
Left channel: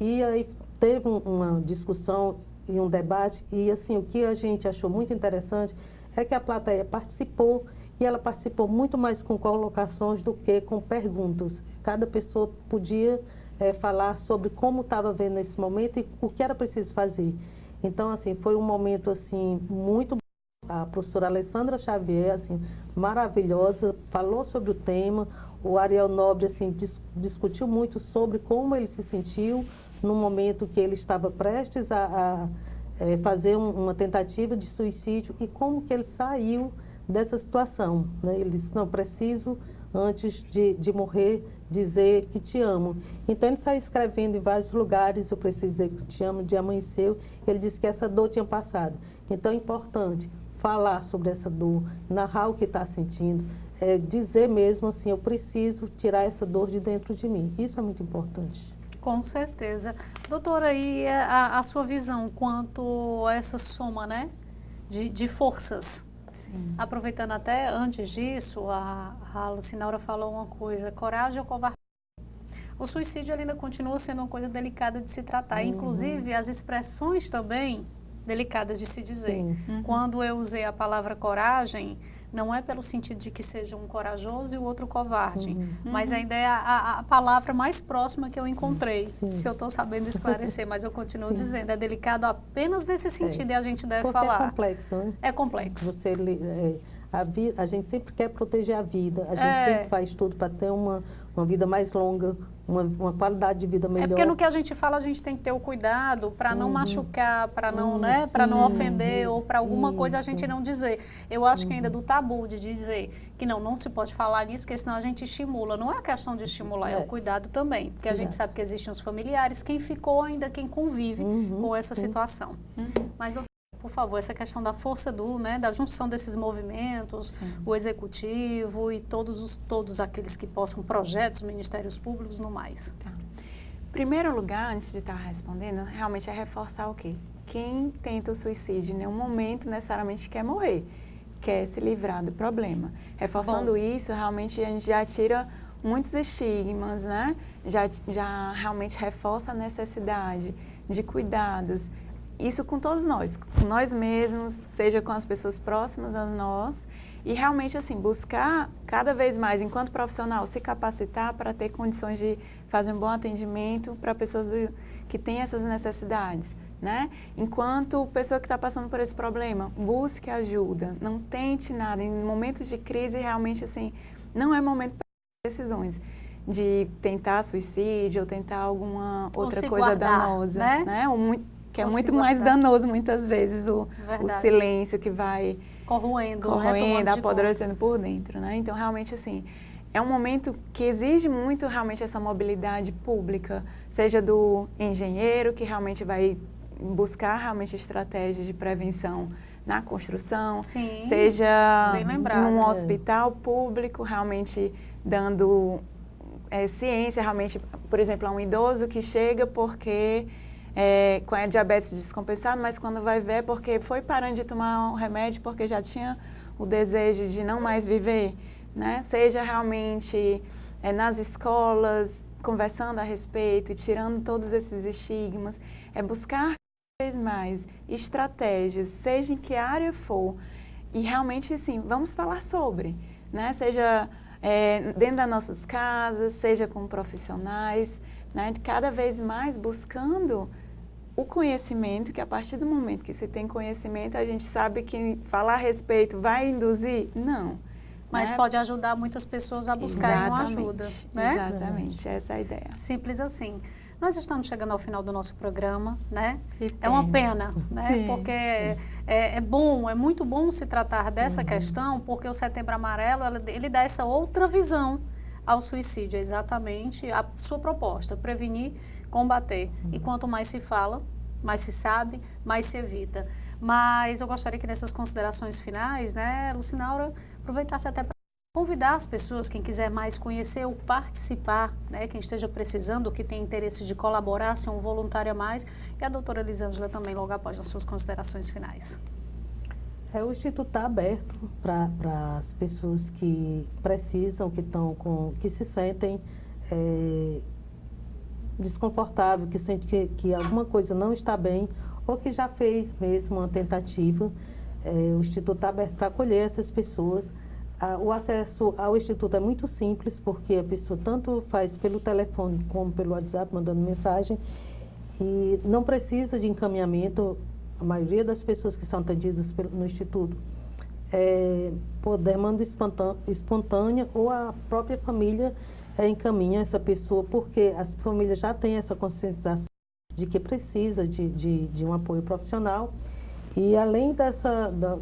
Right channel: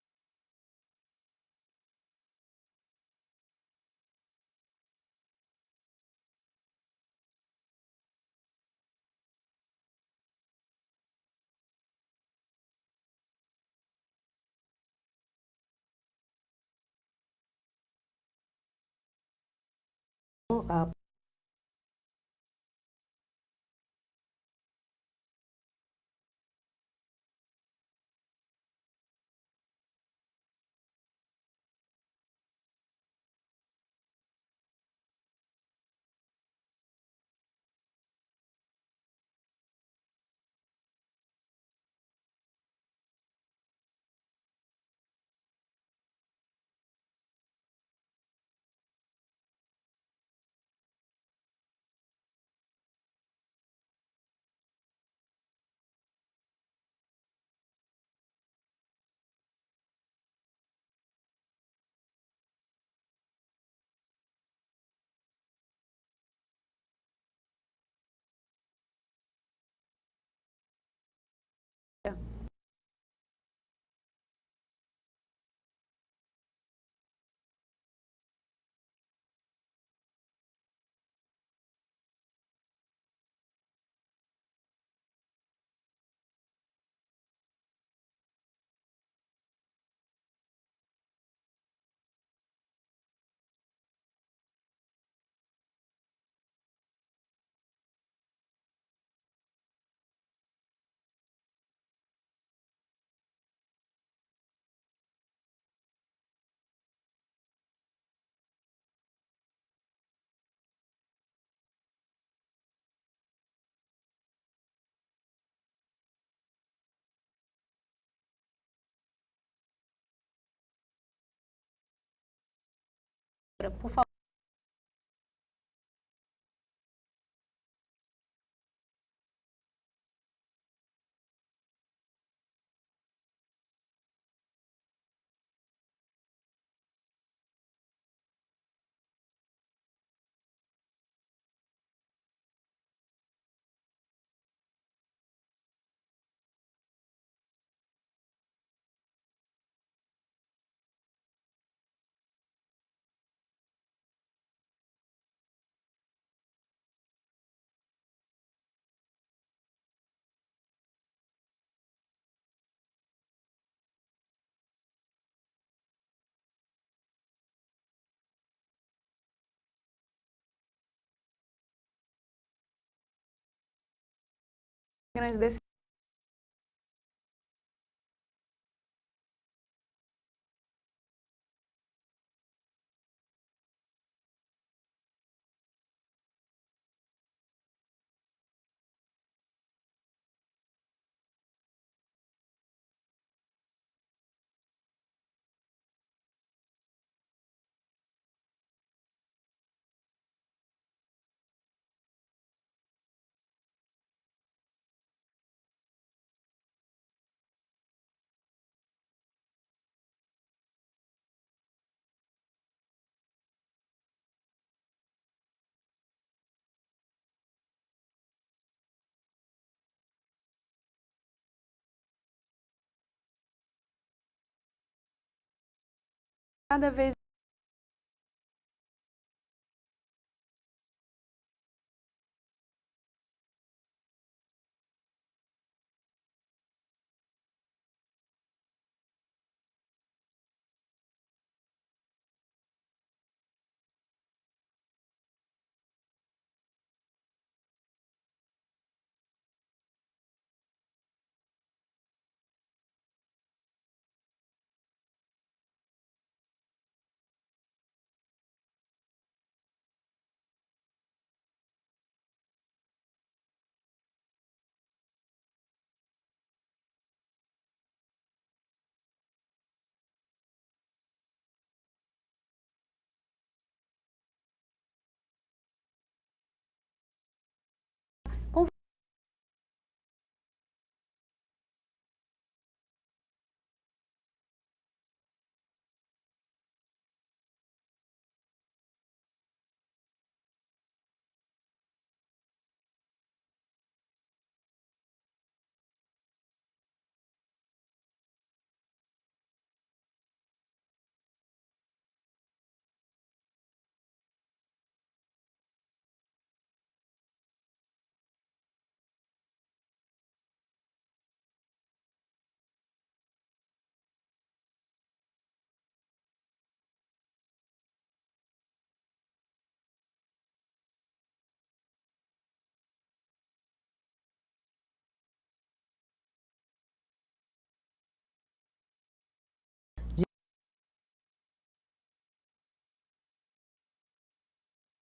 E aí teve uma discussão e um debate, e assim, o que a gente achou muito interessante é que a plateia participou, e ela participou muito mais com colocações do que com perguntas. Cada pessoa podia falar sobre como estava vendo esse momento e o que era preciso fazer. Então, assim, foi um momento assim, muito bom. A professora Alessandra Xavier, assim, maravilhosa, falou sobre o tema. O Ariel Nobre assim, discutiu muito sobre como ele se sentiu no momento que ele estava prestes a fazer uma tentativa de suicídio e como que ele saiu dessa situação, né? Ele disse, não, preciso, antes de morrer, dizer que te amo. Então, ele saiu escrevendo em vários lugares, eu preciso dizer que te amo, de amanheceu. Ele disse que essa dor tinha passado. Então, é importante falar sobre essa dor, narrar o que está sentindo, dizer mesmo assim, eu preciso tirar essa dor de dentro de mim. Isso é muito importante. Com certeza. Doutora, e a sua visão quanto a essa soma, né, de forças? Sim. Aproveitando até antes disso, a Lucinaura falou uma coisa, coragem ou covardia? O suicídio ainda continua sendo uma coisa delicada de se tratar, inclusive as expressões também delicadas de se dizer. Quando eu usei a palavra coragem, não é pelo sentido de que seja um corajoso e o outro covarde, mas ainda é a palavra mais próxima que eu encontrei, se eu estou sabendo esclarecer, mas eu continuo dizendo, é delicado apenas nesse sentido e a gente deve falar. É complexo, né? É complexo. A gente sempre quer proteger a vida, a gente sempre faz tudo para ter uma vida mais longa, uma qualidade de vida melhor. É porque no que a gente fala, a gente tem que ter o cuidado para não machucar, para não, né, para não ofender ou para alguma coisa a gente não dizer. Eu acho que ainda do tabu de dizer que não se pode falar nisso, porque senão a gente estimula. Não é a questão de estimular, é o cuidado também, porque a gente sabe que existem os familiares, quem ficou ainda, quem convive com essa situação. Mas, doutora, por favor, essa questão da força da junção desses movimentos, o executivo e todos aqueles que possam, projetos, ministérios públicos, no mais. Tá. Em primeiro lugar, antes de estar respondendo, realmente é reforçar o quê? Quem tenta o suicídio em nenhum momento necessariamente quer morrer, quer se livrar do problema. Reforçando isso, realmente a gente já tira muitos estigmas, né? Já realmente reforça a necessidade de cuidados. Isso com todos nós, com nós mesmos, seja com as pessoas próximas a nós, e realmente assim, buscar cada vez mais, enquanto profissional, se capacitar para ter condições de fazer um bom atendimento para pessoas que têm essas necessidades, né? Enquanto pessoa que está passando por esse problema, busque ajuda, não tente nada. Em momentos de crise, realmente assim, não é momento para grandes decisões, de tentar suicídio ou tentar alguma outra coisa danosa, né? Que é muito mais danoso muitas vezes o silêncio que vai corroendo, apodrecendo por dentro, né? Então, realmente, assim, é um momento que exige muito, realmente, essa mobilidade pública, seja do engenheiro, que realmente vai buscar, realmente, estratégias de prevenção na construção, seja num hospital público, realmente, dando ciência, realmente, por exemplo, a um idoso que chega porque com a diabetes descompensada, mas quando vai ver porque foi parando de tomar um remédio porque já tinha o desejo de não mais viver, né? Seja realmente nas escolas, conversando a respeito e tirando todos esses estigmas, buscar cada vez mais estratégias, seja em que área for, e realmente, assim, vamos falar sobre, né? Seja dentro das nossas casas, seja com profissionais, né? Cada vez mais buscando o conhecimento, que a partir do momento que se tem conhecimento, a gente sabe que falar a respeito vai induzir? Não. Mas pode ajudar muitas pessoas a buscarem uma ajuda, né? Exatamente, essa é a ideia. Simples assim. Nós estamos chegando ao final do nosso programa, né? É uma pena, né? Sim, porque é bom, é muito bom se tratar dessa questão, porque o Setembro Amarelo, ele dá essa outra visão ao suicídio. É exatamente a sua proposta, prevenir, combater. E quanto mais se fala, mais se sabe, mais se evita. Mas eu gostaria que nessas considerações finais, né, Lucinaura, aproveitasse até para convidar as pessoas, quem quiser mais conhecer ou participar, né, quem esteja precisando, que tem interesse de colaborar, ser um voluntário a mais, e a doutora Elisângela também logo após as suas considerações finais. O Instituto está aberto para as pessoas que precisam, que se sentem desconfortáveis, que sentem que alguma coisa não está bem, ou que já fez mesmo uma tentativa. O Instituto está aberto para acolher essas pessoas. O acesso ao Instituto é muito simples, porque a pessoa tanto faz pelo telefone como pelo WhatsApp, mandando mensagem, e não precisa de encaminhamento. A maioria das pessoas que são atendidas no Instituto por demanda espontânea, ou a própria família encaminha essa pessoa, porque as famílias já têm essa conscientização de que precisa de um apoio profissional. E além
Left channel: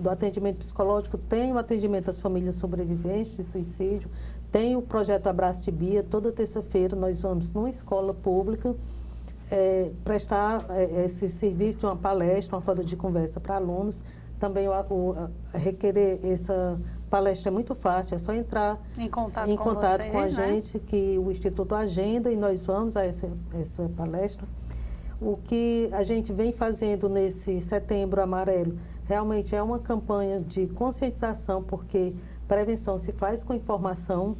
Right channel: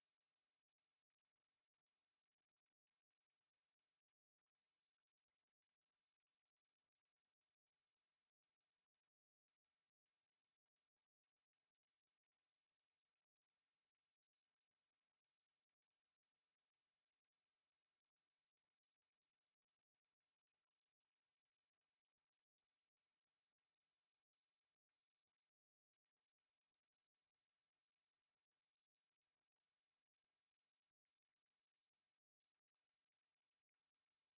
do atendimento psicológico, tem o atendimento às famílias sobreviventes de suicídio, tem o projeto Abraço de Bia. Toda terça-feira nós vamos numa escola pública prestar esse serviço de uma palestra, uma roda de conversa para alunos. Também requerer essa palestra é muito fácil, é só entrar em contato com a gente, que o Instituto agenda e nós vamos a essa palestra. O que a gente vem fazendo nesse Setembro Amarelo realmente é uma campanha de conscientização, porque prevenção se faz com informação,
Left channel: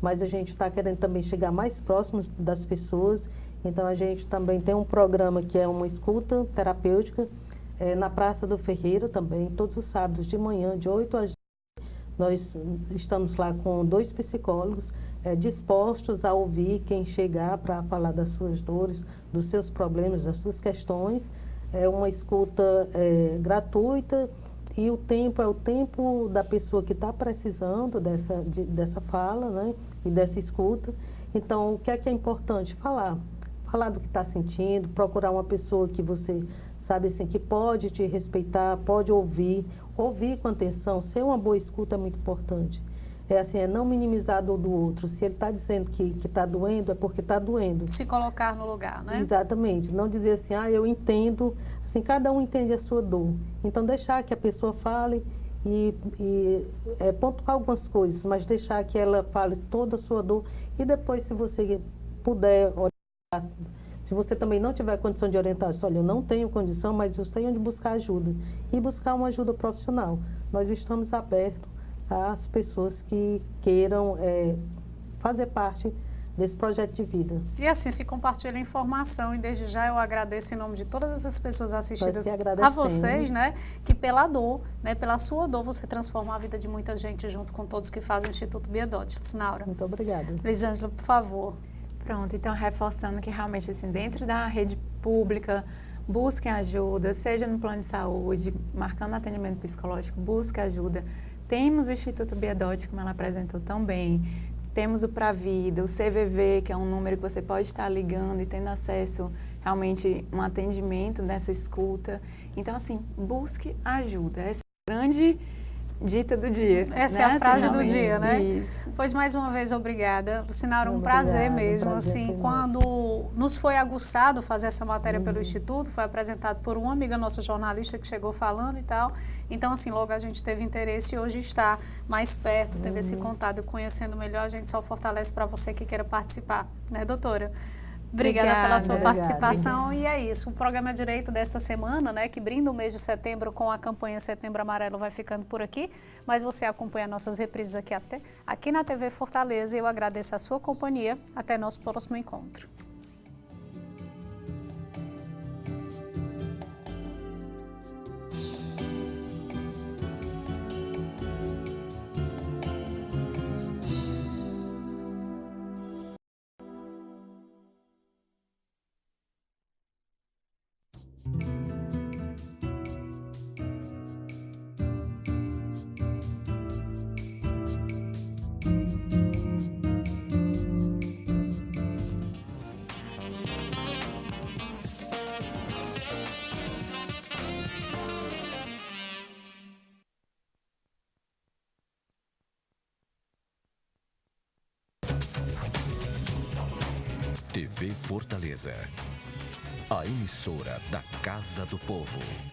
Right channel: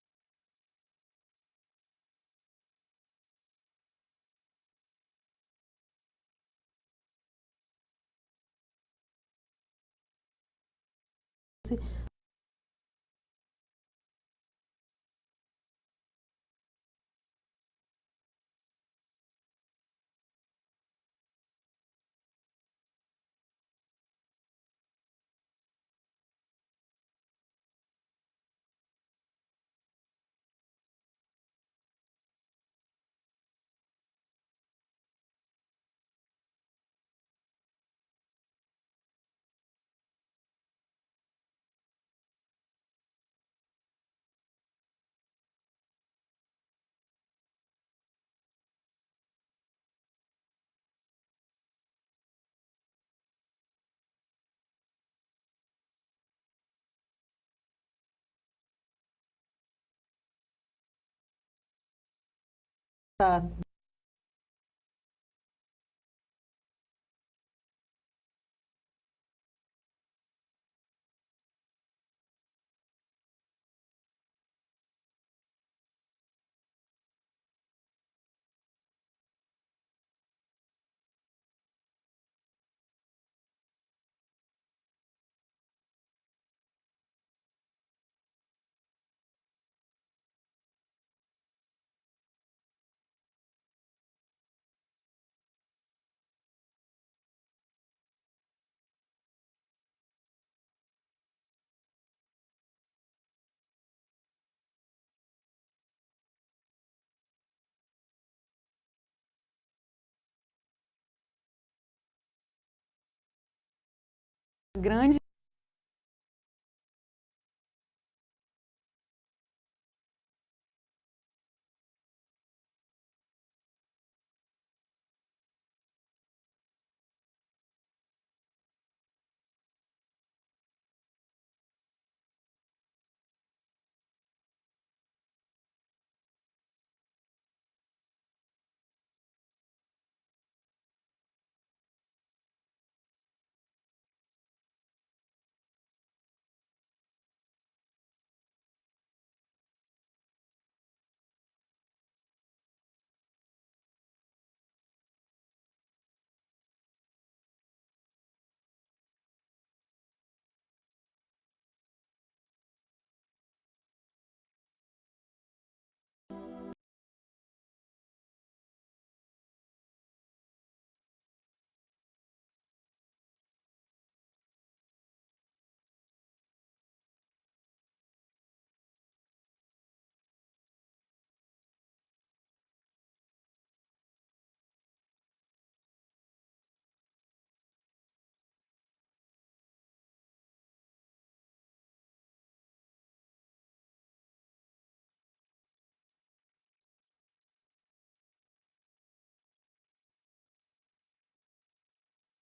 mas a gente está querendo também chegar mais próximo das pessoas. Então, a gente também tem um programa que é uma escuta terapêutica na Praça do Ferreira também, todos os sábados de manhã, de 8 às 12. Nós estamos lá com 2 psicólogos dispostos a ouvir quem chegar para falar das suas dores, dos seus problemas, das suas questões. É uma escuta gratuita, e o tempo é o tempo da pessoa que está precisando dessa fala, né, e dessa escuta. Então, o que é importante? Falar do que está sentindo, procurar uma pessoa que você sabe assim, que pode te respeitar, pode ouvir com atenção. Ser uma boa escuta é muito importante. É não minimizar a dor do outro. Se ele está dizendo que está doendo, é porque está doendo. Se colocar no lugar, né? Exatamente. Não dizer assim, eu entendo. Assim, cada um entende a sua dor. Então, deixar que a pessoa fale e pontuar algumas coisas, mas deixar que ela fale toda a sua dor. E depois, se você puder orientar, se você também não tiver condição de orientar, olha, eu não tenho condição, mas eu sei onde buscar ajuda. E buscar uma ajuda profissional. Nós estamos abertos às pessoas que queiram fazer parte desse projeto de vida. E assim, se compartilha a informação, e desde já eu agradeço em nome de todas essas pessoas assistidas a vocês, né, que pela dor, né, pela sua dor, você transforma a vida de muita gente junto com todos que fazem o Instituto Bia Dodge. Lucinaura. Muito obrigada. Elisângela, por favor. Pronto, então reforçando que realmente assim, dentro da rede pública, busquem ajuda, seja no plano de saúde, marcando atendimento psicológico, busque ajuda. Temos o Instituto Bia Dodge, como ela apresentou tão bem, temos o Pra Vida, o CVV, que é um número que você pode estar ligando e tendo acesso realmente um atendimento nessa escuta. Então, assim, busque ajuda. Essa é a grande dita do dia. Essa é a frase do dia, né? Isso. Pois, mais uma vez, obrigada. Lucinaura, um prazer mesmo. Assim, quando nos foi aguçado fazer essa matéria pelo Instituto, foi apresentado por uma amiga nossa jornalista que chegou falando e tal. Então, assim, logo a gente teve interesse e hoje está mais perto, tendo esse contato e conhecendo melhor, a gente só fortalece para você que queira participar, né, doutora? Obrigada pela sua participação. E é isso, o programa Direito desta semana, né, que brinda o mês de setembro com a campanha Setembro Amarelo, vai ficando por aqui, mas você acompanha nossas reprises aqui na TV Fortaleza, e eu agradeço a sua companhia. Até nosso próximo encontro. Fortaleza. A emissora da Casa do Povo.